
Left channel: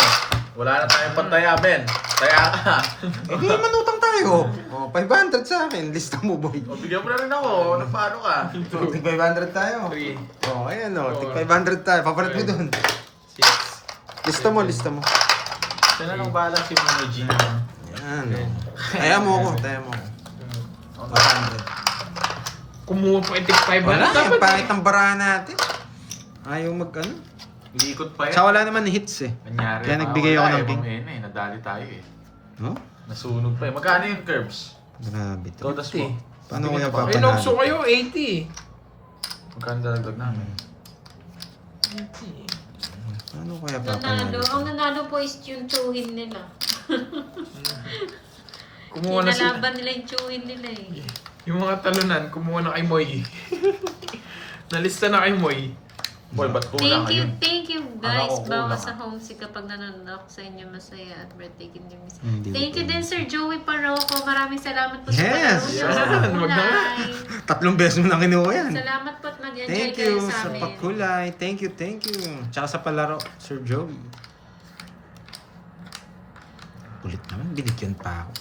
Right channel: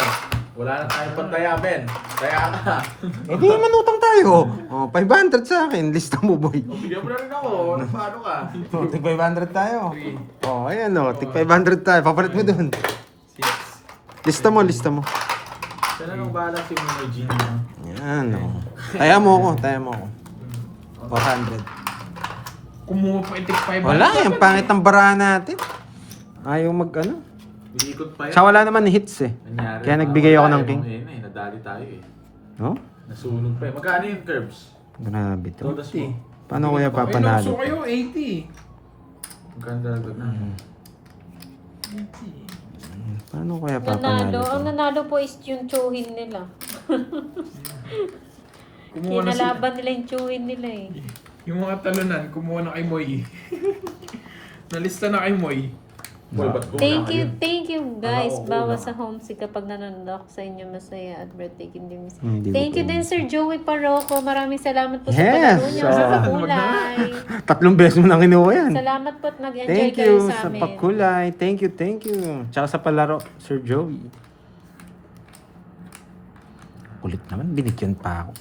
Wala na tayong pantaya, Ben. Taya ka. Eh, di naman utang tayo. Oh, 500 sa akin. Lista mo, boy. O, bigyan mo na rin ako. Ano paano ka? Tig 500 tayo. Okay. Oh, ayan o. Tig 500 tayo. Papalit mo dun. 6. Lista mo, lista mo. Yan lang ang bahala si Mama G. Yan. Taya mo ako. Taya mo ako. 400. Kumuha po yung 500. Wala, yung dapat pangit ang barahan natin. Ayaw mag ano. Iikot pa yan. Sa wala naman hits eh. Nangyari. Kaya nagbigay ako ng Tayo, king. eh, nadali tayo eh. Oh? Nasunog pa eh. Magkano yung curbs? Grabe to. Todas mo. Paano kaya pa? May Nogso kayo, 80. Magkano dalagdag namin? Paano kaya Nanalo. papanalo Ang to? nanalo po is yung tsuhin nila. Kumuha na sila. Kinalaban nila yung tsuhin nila eh. Yung mga talunan, kumuha na kay Moy. Nalista na kay Moy. Boy, ba't kulang Thank you guys. Ako, Bawas kulang. sa homesick kapag nanonood ako sa inyo masaya at birthday hindi miss. Hindi Thank ko you po. din Sir Joey Paroco. Maraming salamat po sa Yes! palaro niyo sa Yeah. pakulay. 3 beses mo nang kinuha yan. Salamat po at nag-enjoy Thank kayo you sa sa amin. pakulay. Thank you. Tsaka sa palaro, Sir Joey. Kulit naman, binigyan pa ako.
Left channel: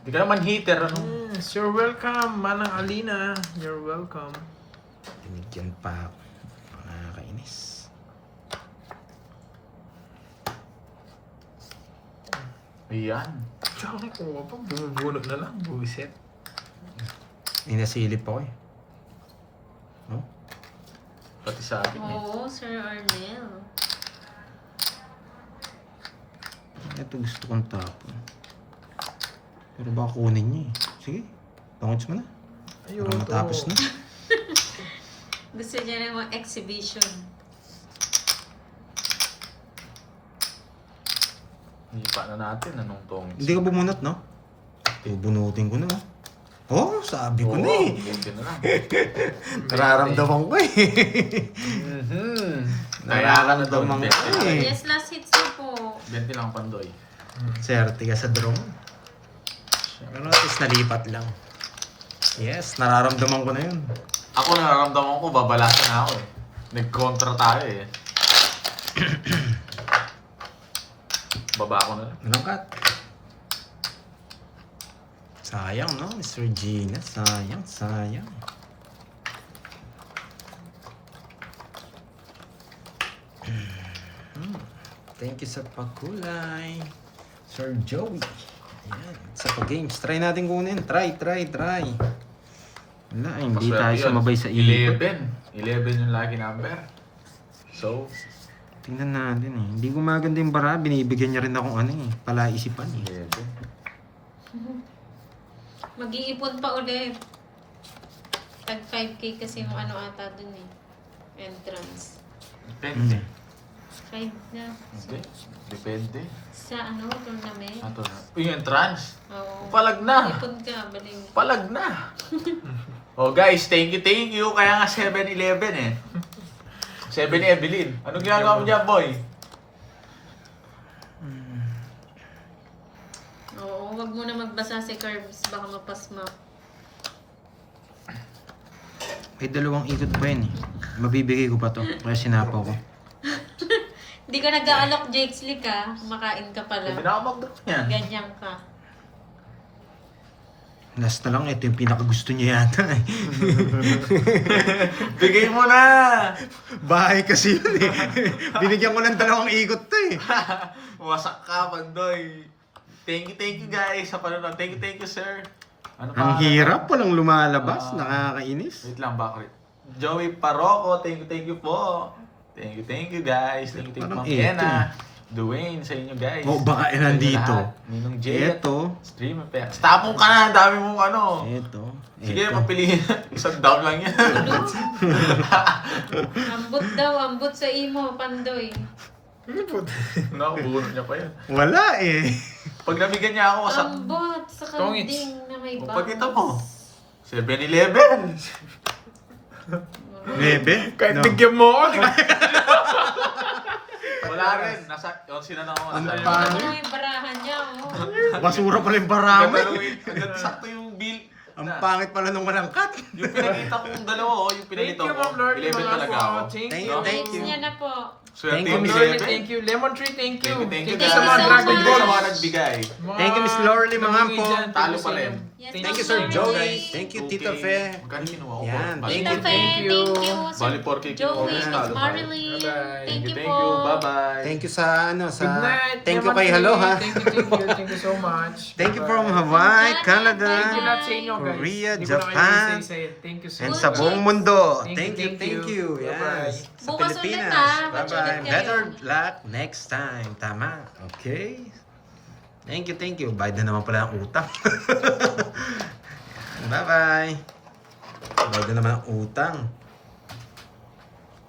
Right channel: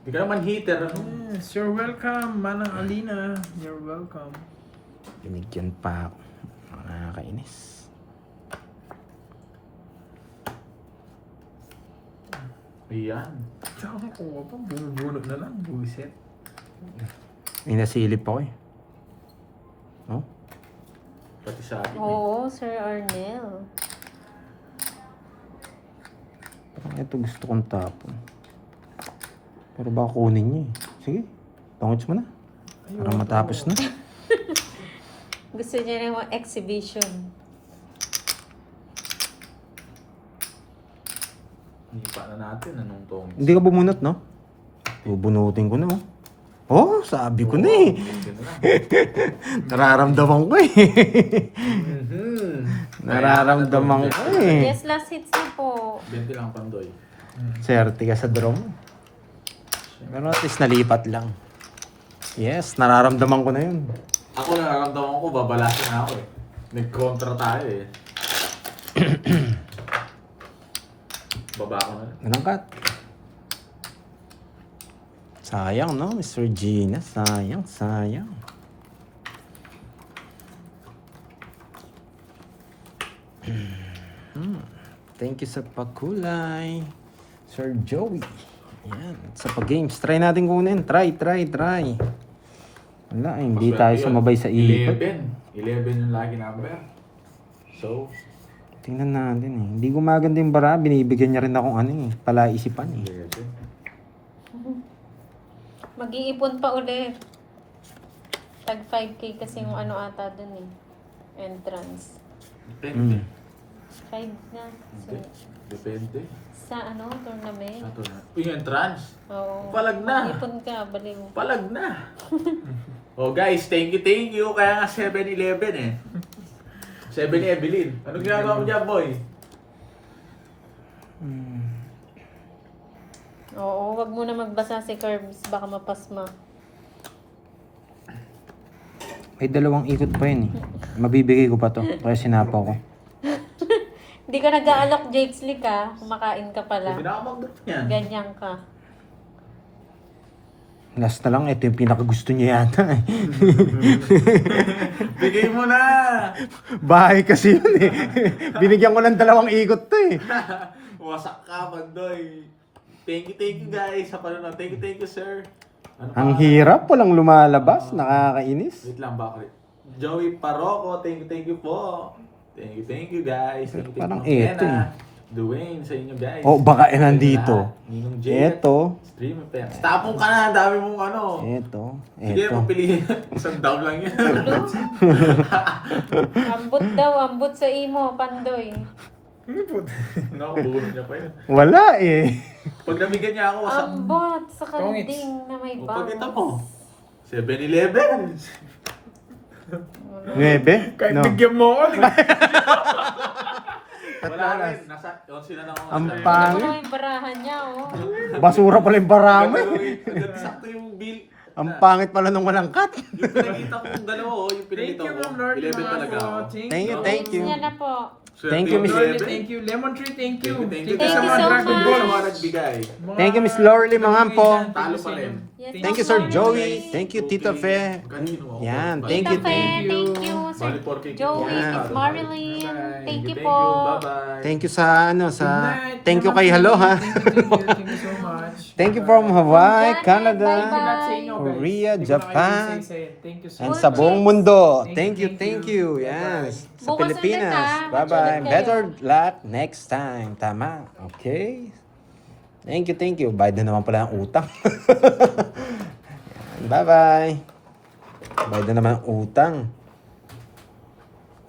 Hindi ka naman hitter, ano? Yes, you're welcome, Manang Alina. You're welcome. Binigyan pa ako. Nakakainis. Ayan. Tsaka kay kuha pa, bumubunot na lang, buwiset. Inasilip ako eh. Oh? Pati sa akin. Oo, Sir Arnel. Parang ito gusto kong tapon. Pero baka kunin niya eh. Sige, tangos mo na. Para matapos na. Gusto niya rin mga exhibition. Hindi pa na natin, anong tong? Hindi ka bumunot, no? Bubunutin ko na, oh. Oh, sabi ko na eh. Nararamdaman ko eh. Nararamdaman ko eh. Yes, last hits na po. 20 lang, Pandoy. Swerte ka sa draw mo. Pero at least nalipat lang. Yes, nararamdaman ko na yun. Ako nararamdaman ko, babalasan na ako eh. Nag-contra tayo eh. Baba ako na lang. Anong cut? Sayang, no? Mr. Gina. Sayang, sayang. Thank you sa pakulay. Sir Joey. Yan. Sa pag-games. Try natin kunin. Try. Wala, hindi Maswerte tayo yun. sumabay sa ilip. 11 yung lucky number. So, Tingnan natin eh. Hindi gumaganda yung bara. Binibigyan niya rin akong palaisipan eh. 11. Mag-iipon pa ulit. Tag 5K kasi yung ano ata dun eh. Entrance. Depende. 5 na. So, Depende. sa tournament. Ito na. Yung entrance. Oo. Palag na. Mag-ipon ka, balik. Palag na. Oh guys, thank you. Kaya nga 7-11 eh. 7 Evelyn. Anong ginagawa mo dyan, boy? Oo, wag mo na magbasa si Curbs. Baka mapasma. Ay, 2 ikot pa yun eh. Mabibigay ko pa to. Kaya sinapaw ko. Hindi ka nag-aalok, Jake Slick ha. Kumakain ka pala. Pinakamagdot niyan. Ganyan ka. Last na lang, ito yung pinakagusto niya yata eh. Bigay mo na! Bahay kasi yun eh. Binigyan ko ng 2 ikot to eh. Wasak ka, Pandoy. Thank you guys sa panonood. Thank you sir. Ano Ang pa? hirap, walang lumalabas. Nakakainis. Wait lang, bakit? Joey Paroco, thank you po. Thank you guys. Thank you Parang Ma'am eto Kena. Dwayne, sa inyo guys. Oh, baka nandito. Ninong Jet. Eto. Stream of Pets. Tapong ka na, ang dami mong ano. Eto. Sige, Eto. magpiliin. Isang down lang yan. Ambot sa imo, Pandoy. Nakabunod niya pa yun. Wala eh. Pag nabigyan niya ako, wasak. Ambot sa Tongits. kanding na may bangs. Pagkita mo. 7-11. Ngebe? Kahit No. bigyan mo ako. Wala rin. Nasa, yung sinanang ko Ang nasa pangit. Ano yung barahan niya, oh. Basura pala yung barama. Sakto yung bill. Ang pangit pala nung walang cut. Yung pinakita kong dalawa, yung pinalito Thank you, ko. Ma'am Lord. 11 talaga ako. Thank Thank you. you, thank you. Niya na po. Thank you, Miss Lorly, 11. thank you. Lemon Tree, thank you. Thank you Thank you sa so mga much. nagbigay, sa mga nagbigay. Thank you, Miss Lorly, mga ampo. Talo pa rin. Yes, Thank you, Ma'am Sir Lorly. Joey. Thank you, Tita Okay. Fe. Magkano kinuha ko? Yan, Bali, thank Tita you, Fe, thank you. thank you. Sir Bali, 4K. Joey, Yes, Miss talo. Marilyn. Bye-bye. Thank you Thank po. you. Bye-bye. Thank you sa Good night. Thank you Lemon kay Tree. Hello ha. Thank you so much. Thank you from Hawaii, Janet, Canada, Thank you lahat sa inyo, guys. Korea, Hindi ko na kayo Japan, isa-isa eh. Thank you so and much. sa buong mundo. Thank you, Thank you. Bye-bye. Yes. Sa Bukas ulit, Pilipinas. ha? Watch Bye-bye. ulit kayo. Better luck next time. Tama. Okay. Thank you. Bayad na naman pala ang utang. Bye-bye. Bayad na naman ang utang.